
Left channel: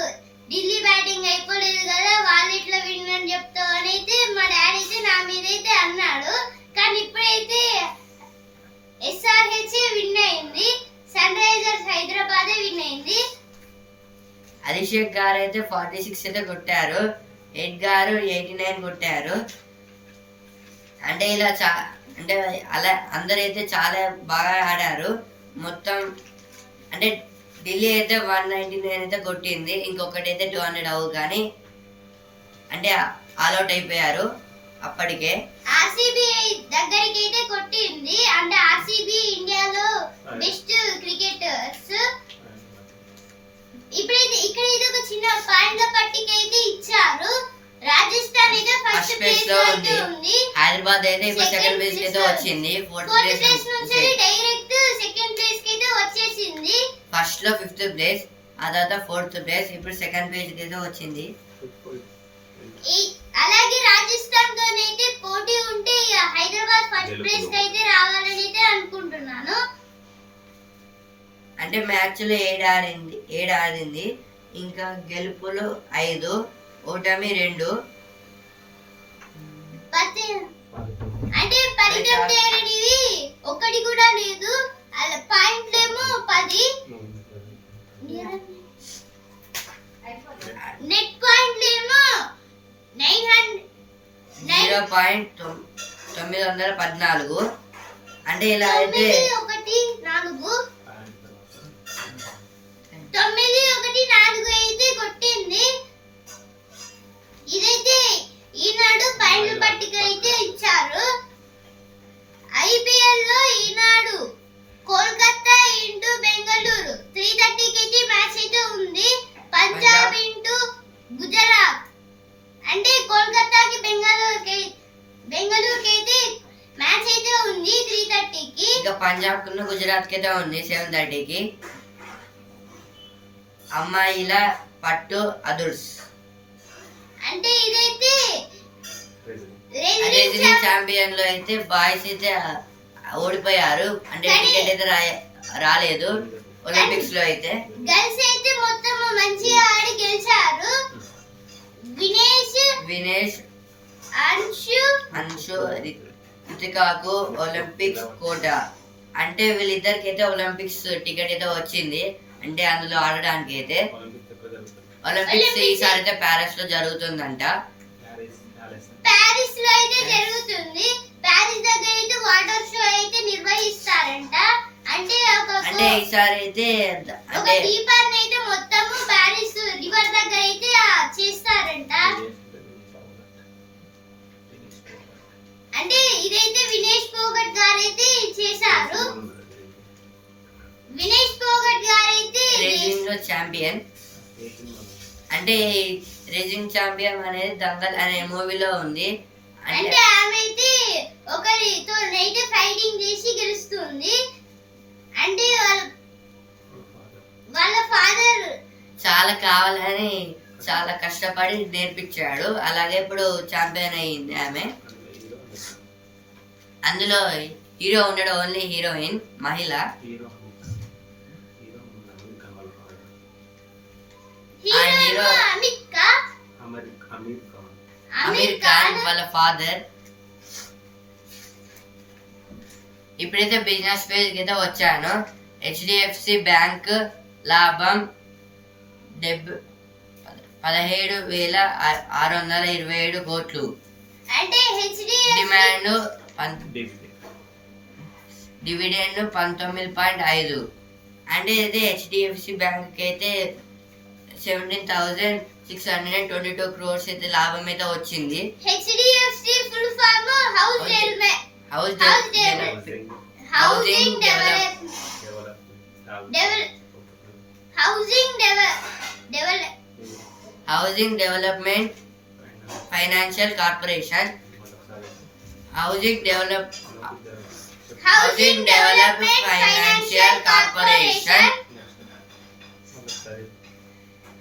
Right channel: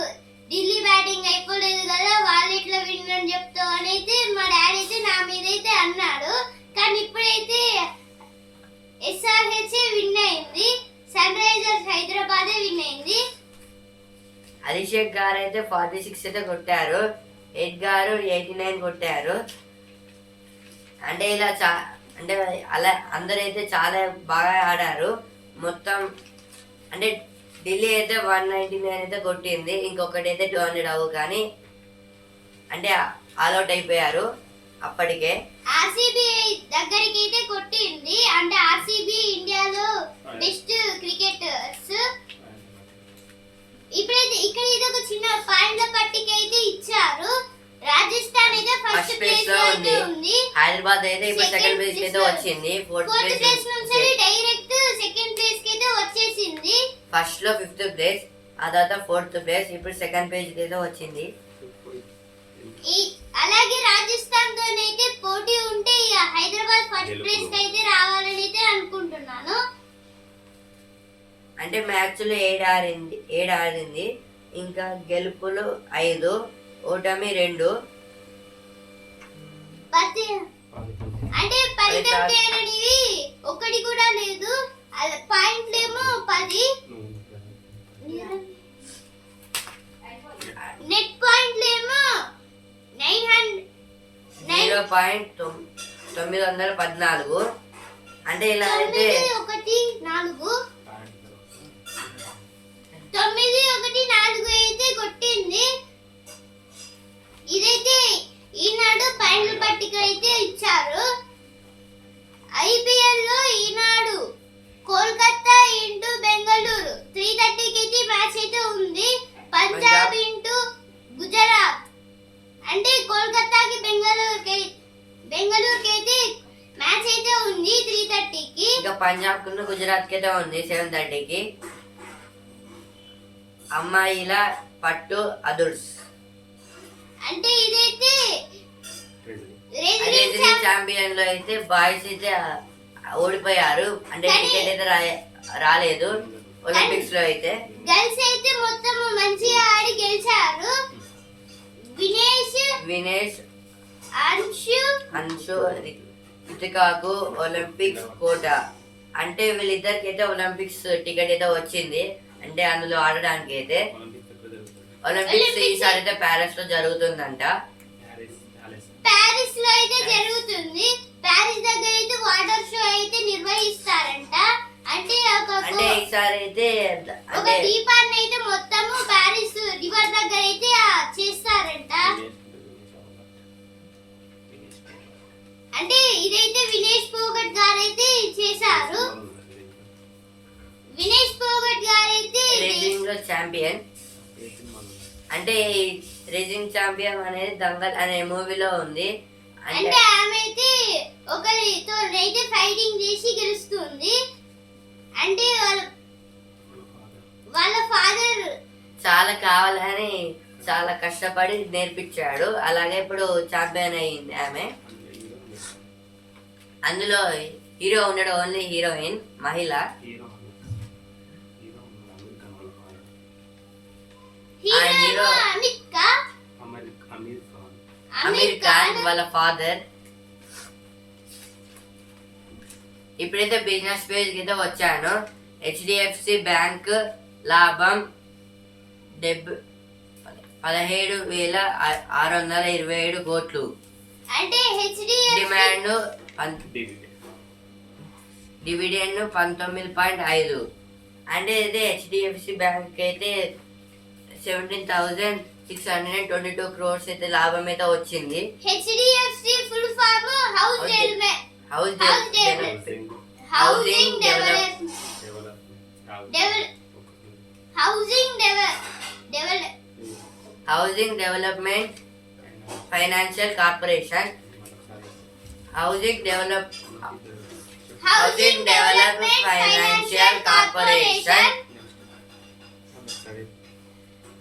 ఢిల్లీ బ్యాటింగ్ అయిపోలేదు కదా, వాళ్ళు ఎట్లా విన్ అని చెప్తావు అని అయితే మా డాడీ అయితే నా మీద అయితే అన్నాడు. కానీ ఇప్పుడైతే SRH విన్ అయింది, సన్ రైజర్స్ హైదరాబాద్ విన్ అయింది. అభిషేక్ గారు అయితే 46 అయితే కొట్టారు, ఎడ్ గారు 89 కొట్టారు. అంటే ఇలా అంటే అలా అందరైతే చాలా బాగా ఆడారు మొత్తం. అంటే ఢిల్లీ అయితే 199 అయితే కొట్టింది, ఇంకొకటి అయితే 200 అవ్వు, కానీ అంటే ఆల్అౌట్ అయిపోయారు అప్పటికే. RCB దగ్గరికి అయితే కొట్టింది. అంటే RCB ఇండియాలో బెస్ట్ క్రికెటర్స్. ఇప్పుడైతే ఇక్కడ ఇది ఒక చిన్న పాయింట్ల పట్టిక అయితే ఇచ్చారు. రాజస్థాన్ అయితే ఫస్ట్ ప్లేస్ లో ఉంది, హైదరాబాద్ అయితే ఇప్పుడు సెకండ్ ప్లేస్ అయితే వచ్చింది. ఫోర్త్ ప్లేస్ నుంచి డైరెక్ట్ సెకండ్ ప్లేస్ కి అయితే వచ్చేసింది. ఫస్ట్ లో 5th ప్లేస్, ఆ తర్వాత 4th ప్లేస్, ఇప్పుడు సెకండ్ ప్లేస్ కి అయితే వచ్చింది. అలాగే రాజస్థాన్ తో అయితే పోటీ ఉంటే హైదరాబాద్ ఫస్ట్ ప్లేస్ కి అయితే రావాలని అయితే అనుకుంటున్నాను. అంటే మ్యాచ్ లో 7 ఆడింది, ఇంకా గెలుపులు 5, ఓటమి 2. అంటే ఫలితం తేరనివి ఒకటి కూడా లేదు. అలా పాయింట్లేమో 10, నెట్ పాయింట్లేమో 0.914. అంటే ఇలా అయితే 9-1-4 అయితే కొట్టింది. ఇదైతే ఈనాడు పాయింట్ల పట్టిక అయితే ఇచ్చారు. IPL లో ఈనాడు కోల్కతా ఇంటూ బెంగళూరు 3:30 కి అయితే మ్యాచ్ అయితే ఉంది. పంజాబ్ ఇంటూ గుజరాత్, అంటే కోల్కతాకి బెంగళూరుకి అయితే మ్యాచ్ అయితే ఉంది 3:30 కి. ఇంకా పంజాబ్ కు గుజరాత్ కి అయితే ఉంది 7:30 కి. అమ్మాయిల పట్టు అదుర్స్, అంటే ఇదైతే రెజ్లింగ్ ఛాంపియన్ లో అయితే బాయ్స్ అయితే ఓడిపోయారు. అంటే టికెట్ అయితే రాలేదు. ఒలింపిక్స్ లో అయితే గర్ల్స్ అయితే మొత్తం మంచిగా ఆడి గెలిచారు. వినేష్ అంశు రితికాకు ఒలింపిక్స్ కోట. అంటే వీళ్ళిద్దరికి అయితే ఒలింపిక్స్ టికెట్ అయితే వచ్చింది. అంటే అందులో ఆడడానికి అయితే ఒలింపిక్స్ ఈసారి అయితే ప్యారిస్ లో జరుగుతుందంట. ప్యారిస్ లో అయితే జరుగుతుంది. ప్యారిస్ దగ్గర అయితే వాటర్ షో అయితే నిర్వహిస్తారంట. అంటే ఈసారి అయితే ఒక దీపాన్ని అయితే మొత్తము ప్యారిస్ రివర్ దగ్గర అయితే చేస్తారంట. అంటే ఇదైతే వినేష్ పోగట్ గారు అయితే చేశారు. వినేష్ పోగట్ గారు అయితే రేసింగ్ లో ఛాంపియన్. అంటే రేసింగ్ ఛాంపియన్ అనేది దంగల్ అనే మూవీలో ఉంది. అంటే అంటే ఆమె అయితే ఒకరితో అయితే ఫైటింగ్ చేసి గెలుస్తుంది. అంటే వాళ్ళ ఫాదర్ చాలా కావాలని చాలా కష్టపడి నేర్పించాడు. అలాగే ఇప్పుడు ఛాంపియన్ అయింది ఆమె. అందులో హీరో ఉన్నాడు, ఓన్లీ హీరోయిన్ మహిళ. హీరో అమీర్ ఖాన్ వాళ్ళ ఫాదర్. ఇప్పుడైతే బిజినెస్ పేజ్ కి అయితే వచ్చాను. హెచ్డిఎఫ్సి బ్యాంక్ లాభం 17,627 కోట్లు. అంటే హెచ్డిఎఫ్సి డిమాండ్ డివిడెండ్ 19.5. అంటే ఇది హెచ్డిఎఫ్సి బ్యాంక్ అయితే 17,622 crores అయితే లాభం అయితే వచ్చింది. HDFC full form housing development financial corporation. Housing develop financial corporation.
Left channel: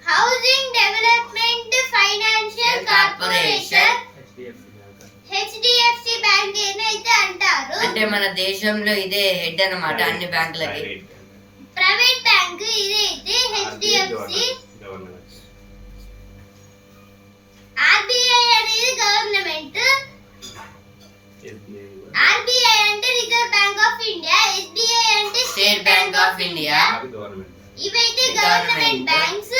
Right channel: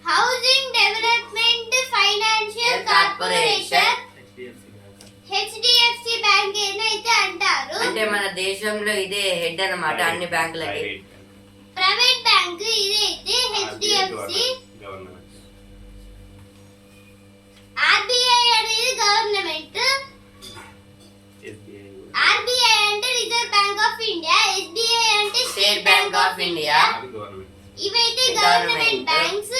Housing development financial corporation HDFC bank అయితే అంటారు. అంటే మన దేశంలో ఇదే హెడ్ అన్నమాట అన్ని బ్యాంకులకి. ప్రైవేట్ బ్యాంక్ ఇదైతే హెచ్డిఎఫ్సి. ఆర్బిఐ అనేది గవర్నమెంట్. ఆర్బిఐ అంటే reserve bank of India. SBI అంటే స్టేట్ బ్యాంక్ ఆఫ్ ఇండియా. ఇవైతే గవర్నమెంట్ బ్యాంక్స్.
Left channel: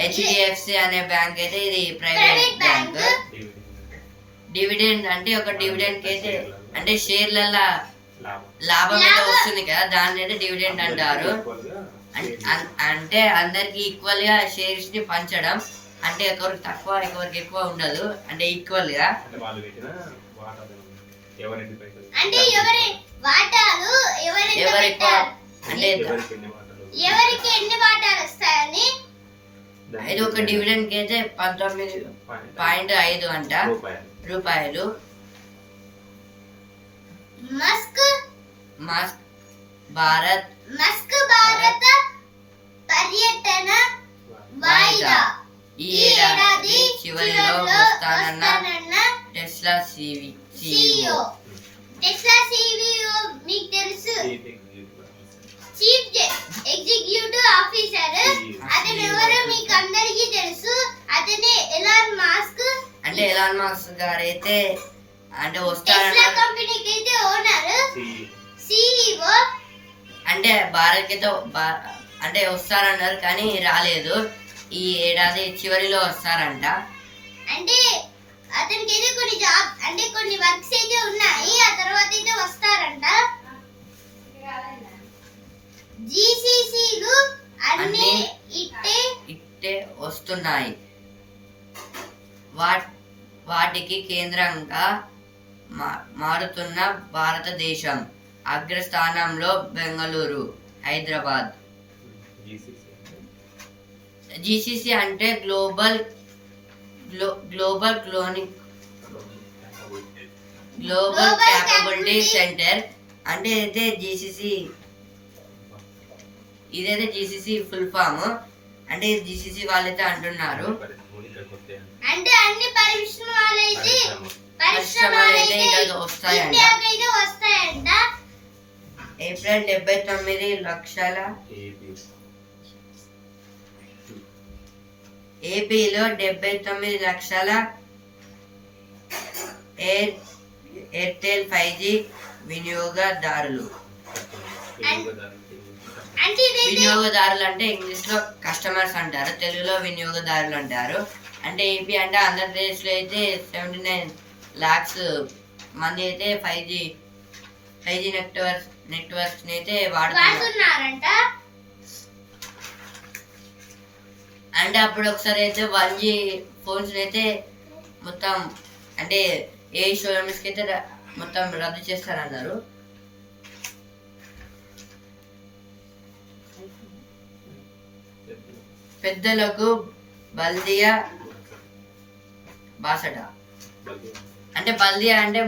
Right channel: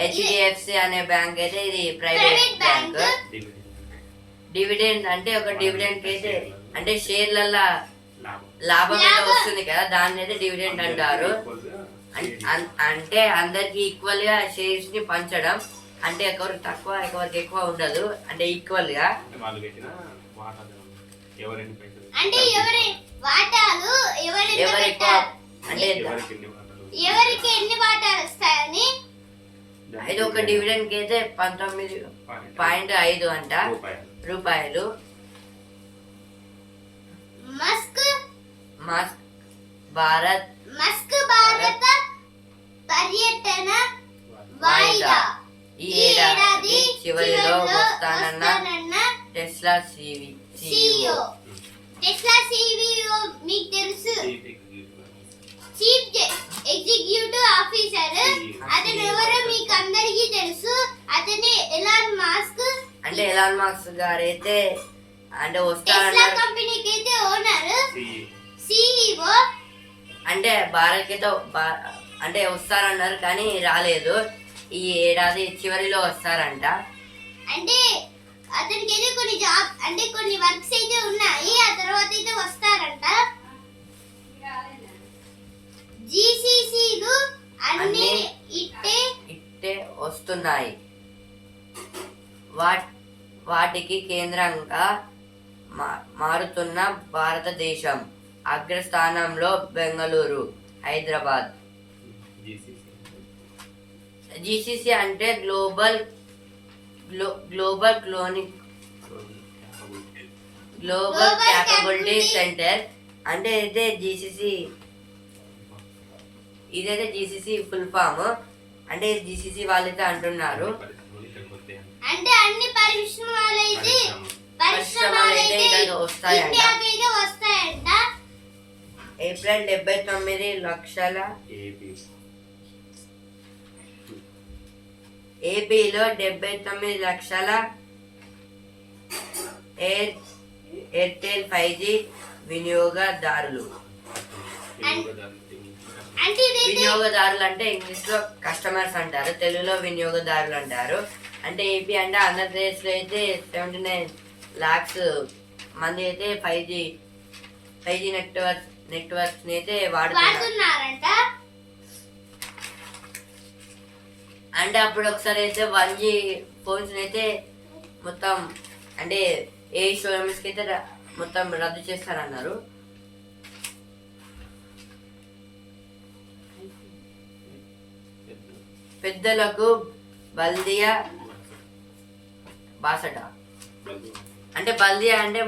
హెచ్డిఎఫ్సి అనే బ్యాంక్ అయితే ఇది ప్రైవేట్ బ్యాంక్. డివిడెండ్ అంటే ఒక డివిడెండ్ కి అయితే అంటే షేర్లల్ల లాభం అయితే వస్తుంది కదా, దాన్ని అయితే డివిడెండ్ అంటారు. అంటే అందరికి ఈక్వల్ గా షేర్స్ ని పంచడం. అంటే ఒకరికి తక్కువ ఒకరికి ఎక్కువ ఉండదు, అంటే ఈక్వల్ గా. అంటే ఎవరి వాటాలు ఎవరు ఎక్కువ అంటే ఎవరికి ఎన్ని వాటాలు వస్తాయని. ఇది ఒక డివిడెండ్ కి అయితే 19.5 అంట రూపాయలు. మస్క్ భారత పర్యటన వాయిదా. ఈ ఏడాది చివరిలో వస్తానన్న టెస్లా CEO. టెస్లా CEO మీకు తెలుసు, చీఫ్ ఎగ్జిక్యూటివ్ ఆఫీసర్. అతను ఎవరో మీకు అందరికీ తెలుసు. అతనే ఎలాన్ మాస్క్. అంటే ఎలాన్ మాస్క్ గారు అయితే అంటే టెస్లా వస్తారన్నారు. కంపెనీకి అయితే ఓనర్, CEO. అంటే భారత్ అయితే అంటే వస్తారన్నారు కానీ రాలేదు. ఈ ఏడాది చివరిలో వస్తారంట. అంటే అతనికి అయితే కొన్ని జాబ్ అంటే కొన్ని వర్క్స్ అయితే ఉన్నాయి, ఆ తర్వాత అయితే వస్తారంట. జీసీసీలు అన్ని ఇట్టే వస్తున్నాయి. వాటికి కేంద్రంగా మారుతున్న భారతదేశం. అగ్రస్థానంలో బెంగళూరు, హైదరాబాద్. జీసీసీ అంటే గ్లోబల్ క్యాపబిలిటీ సెంటర్. అంటే ఇదైతే జీసీసీ ఫుల్ ఫామ్. అంటే జీసీసీ వాళ్ళైతే అంటున్నారు. అంటే అన్ని పరిశ్రమలు అయితే వస్తాయంట. వస్తాయంట. ఏప్రిల్ 79 లక్షల ఏపీలో 79 లక్షల ఎయిర్టెల్ 5G వినియోగదారులు. వినియోగదారులు అంటే ఇంగ్లీష్ లో కస్టమర్స్ అంటారు, తెలుగులో వినియోగదారులు అంటారు. అంటే ఏపీ అంటే ఆంధ్రప్రదేశ్ లో అయితే 79 lakhs మంది అయితే 5G నెట్వర్క్స్ ని అయితే వాడుతున్నారంట. అంటే అప్పుడు ఒకసారి అయితే 1G ఫోన్స్ అయితే మొత్తం అంటే ఏ షోరూమ్స్ కి అయితే మొత్తం రద్దు చేస్తారన్నారు. పెద్దలకు బల్దియా బాసట అంటే బల్దియా అంటే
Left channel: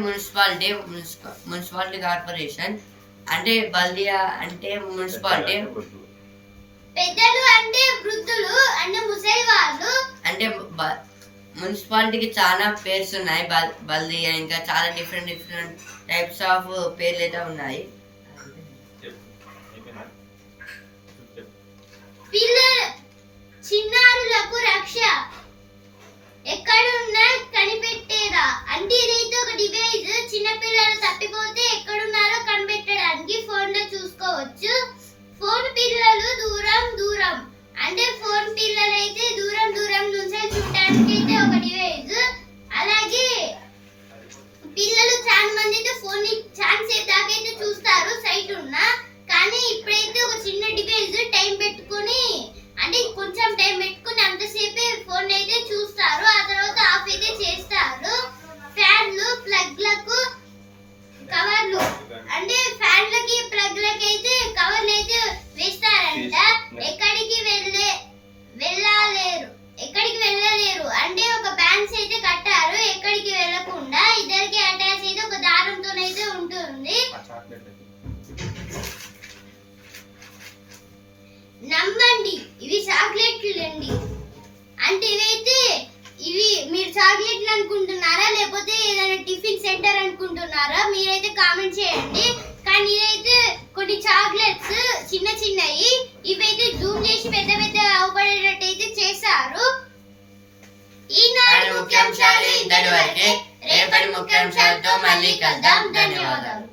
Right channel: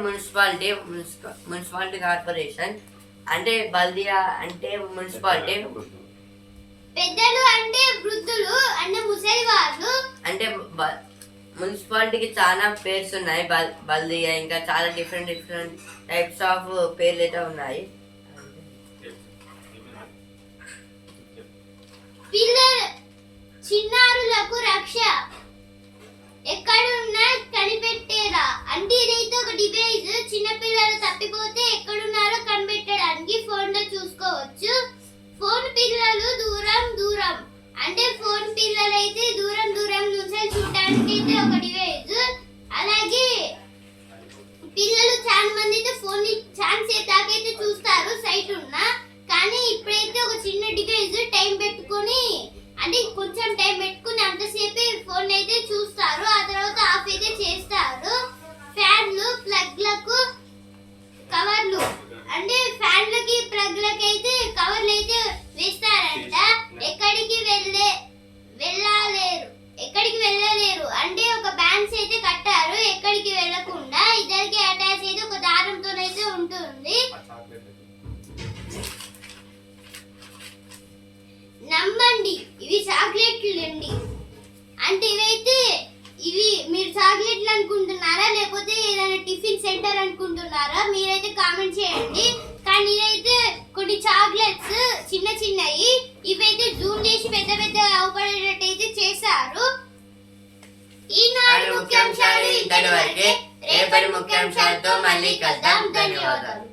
మున్సిపాలిటీ కార్పొరేషన్. అంటే బల్దియా అంటే మున్సిపాలిటీ. పెద్దలు అంటే వృద్ధులు అంటే ముసలి వాళ్ళు. అంటే మున్సిపాలిటీకి చాలా పేర్స్ ఉన్నాయి. బల్దియా ఇంకా చాలా డిఫరెంట్ టైప్స్ ఆఫ్ పేర్లు అయితే ఉన్నాయి. పిల్లలు చిన్నారులకు రక్ష ఎక్కడున్నా కనిపెట్టేరా. అంటే ఇదైతే ఒక డివైస్. చిన్న పిల్లలు తప్పిపోతే ఎక్కడున్నారో కనిపెట్టడానికి ఫోన్ లో చూసుకోవచ్చు. ఫోన్ పిల్లలు దూరం దూరం అంటే ఫోన్ పిల్లలు అయితే దూరం దూరం నుంచి చూడడానికి అయితే ఒక డివైస్. అలాగే పిల్లలు చాలా మంది అయితే ఫోన్ ని ఛాన్స్ దాకైతే చూస్తారు సైట్ ఉన్నా. కానీ ఇప్పుడైతే ఒక చిన్న డివైస్ టైం పెట్టుకొని అంటే కొంచెం టైం పెట్టుకుని అంతసేపే ఫోన్ అయితే చూస్తారు. ఆ తర్వాత ఆఫ్ అయితే చేస్తారు. ఫ్యాన్లు ప్లగ్లకు కవర్లు అంటే ఫ్యాన్లకి ప్లగ్లకి అయితే కవర్లు అయితే వేస్తారంట. ఎక్కడికి వెళ్ళలేరు అంటే ఒక బ్యాండ్స్ అయితే కట్టారు. ఎక్కడికి వెళ్ళకుండా ఇద్దరికి అటాచ్ అయితే ఒక దారంతోనైతే ఉంటుంది. నమ్మండి ఇవి చాక్లెట్లు అండి. అంటే ఇవి మీరు చాక్లెట్లు అనుకుంటున్నారా లేకపోతే ఏదైనా టిఫిన్ సెంటర్ అనుకుంటున్నారా? మీరైతే కామెంట్ చేయండి. కానీ ఇదైతే కొన్ని చాక్లెట్స్ చిన్న చిన్నవి. ఇవైతే జూమ్ చేసి పెద్ద పెద్ద అవపడేటట్టు అయితే చేశారు. ఈనాడు ముఖ్యాంశాలు ఇంతటి వరకే. రేపటి ముఖ్యాంశాలతో మళ్ళీ కలుద్దాం. ధన్యవాదాలు.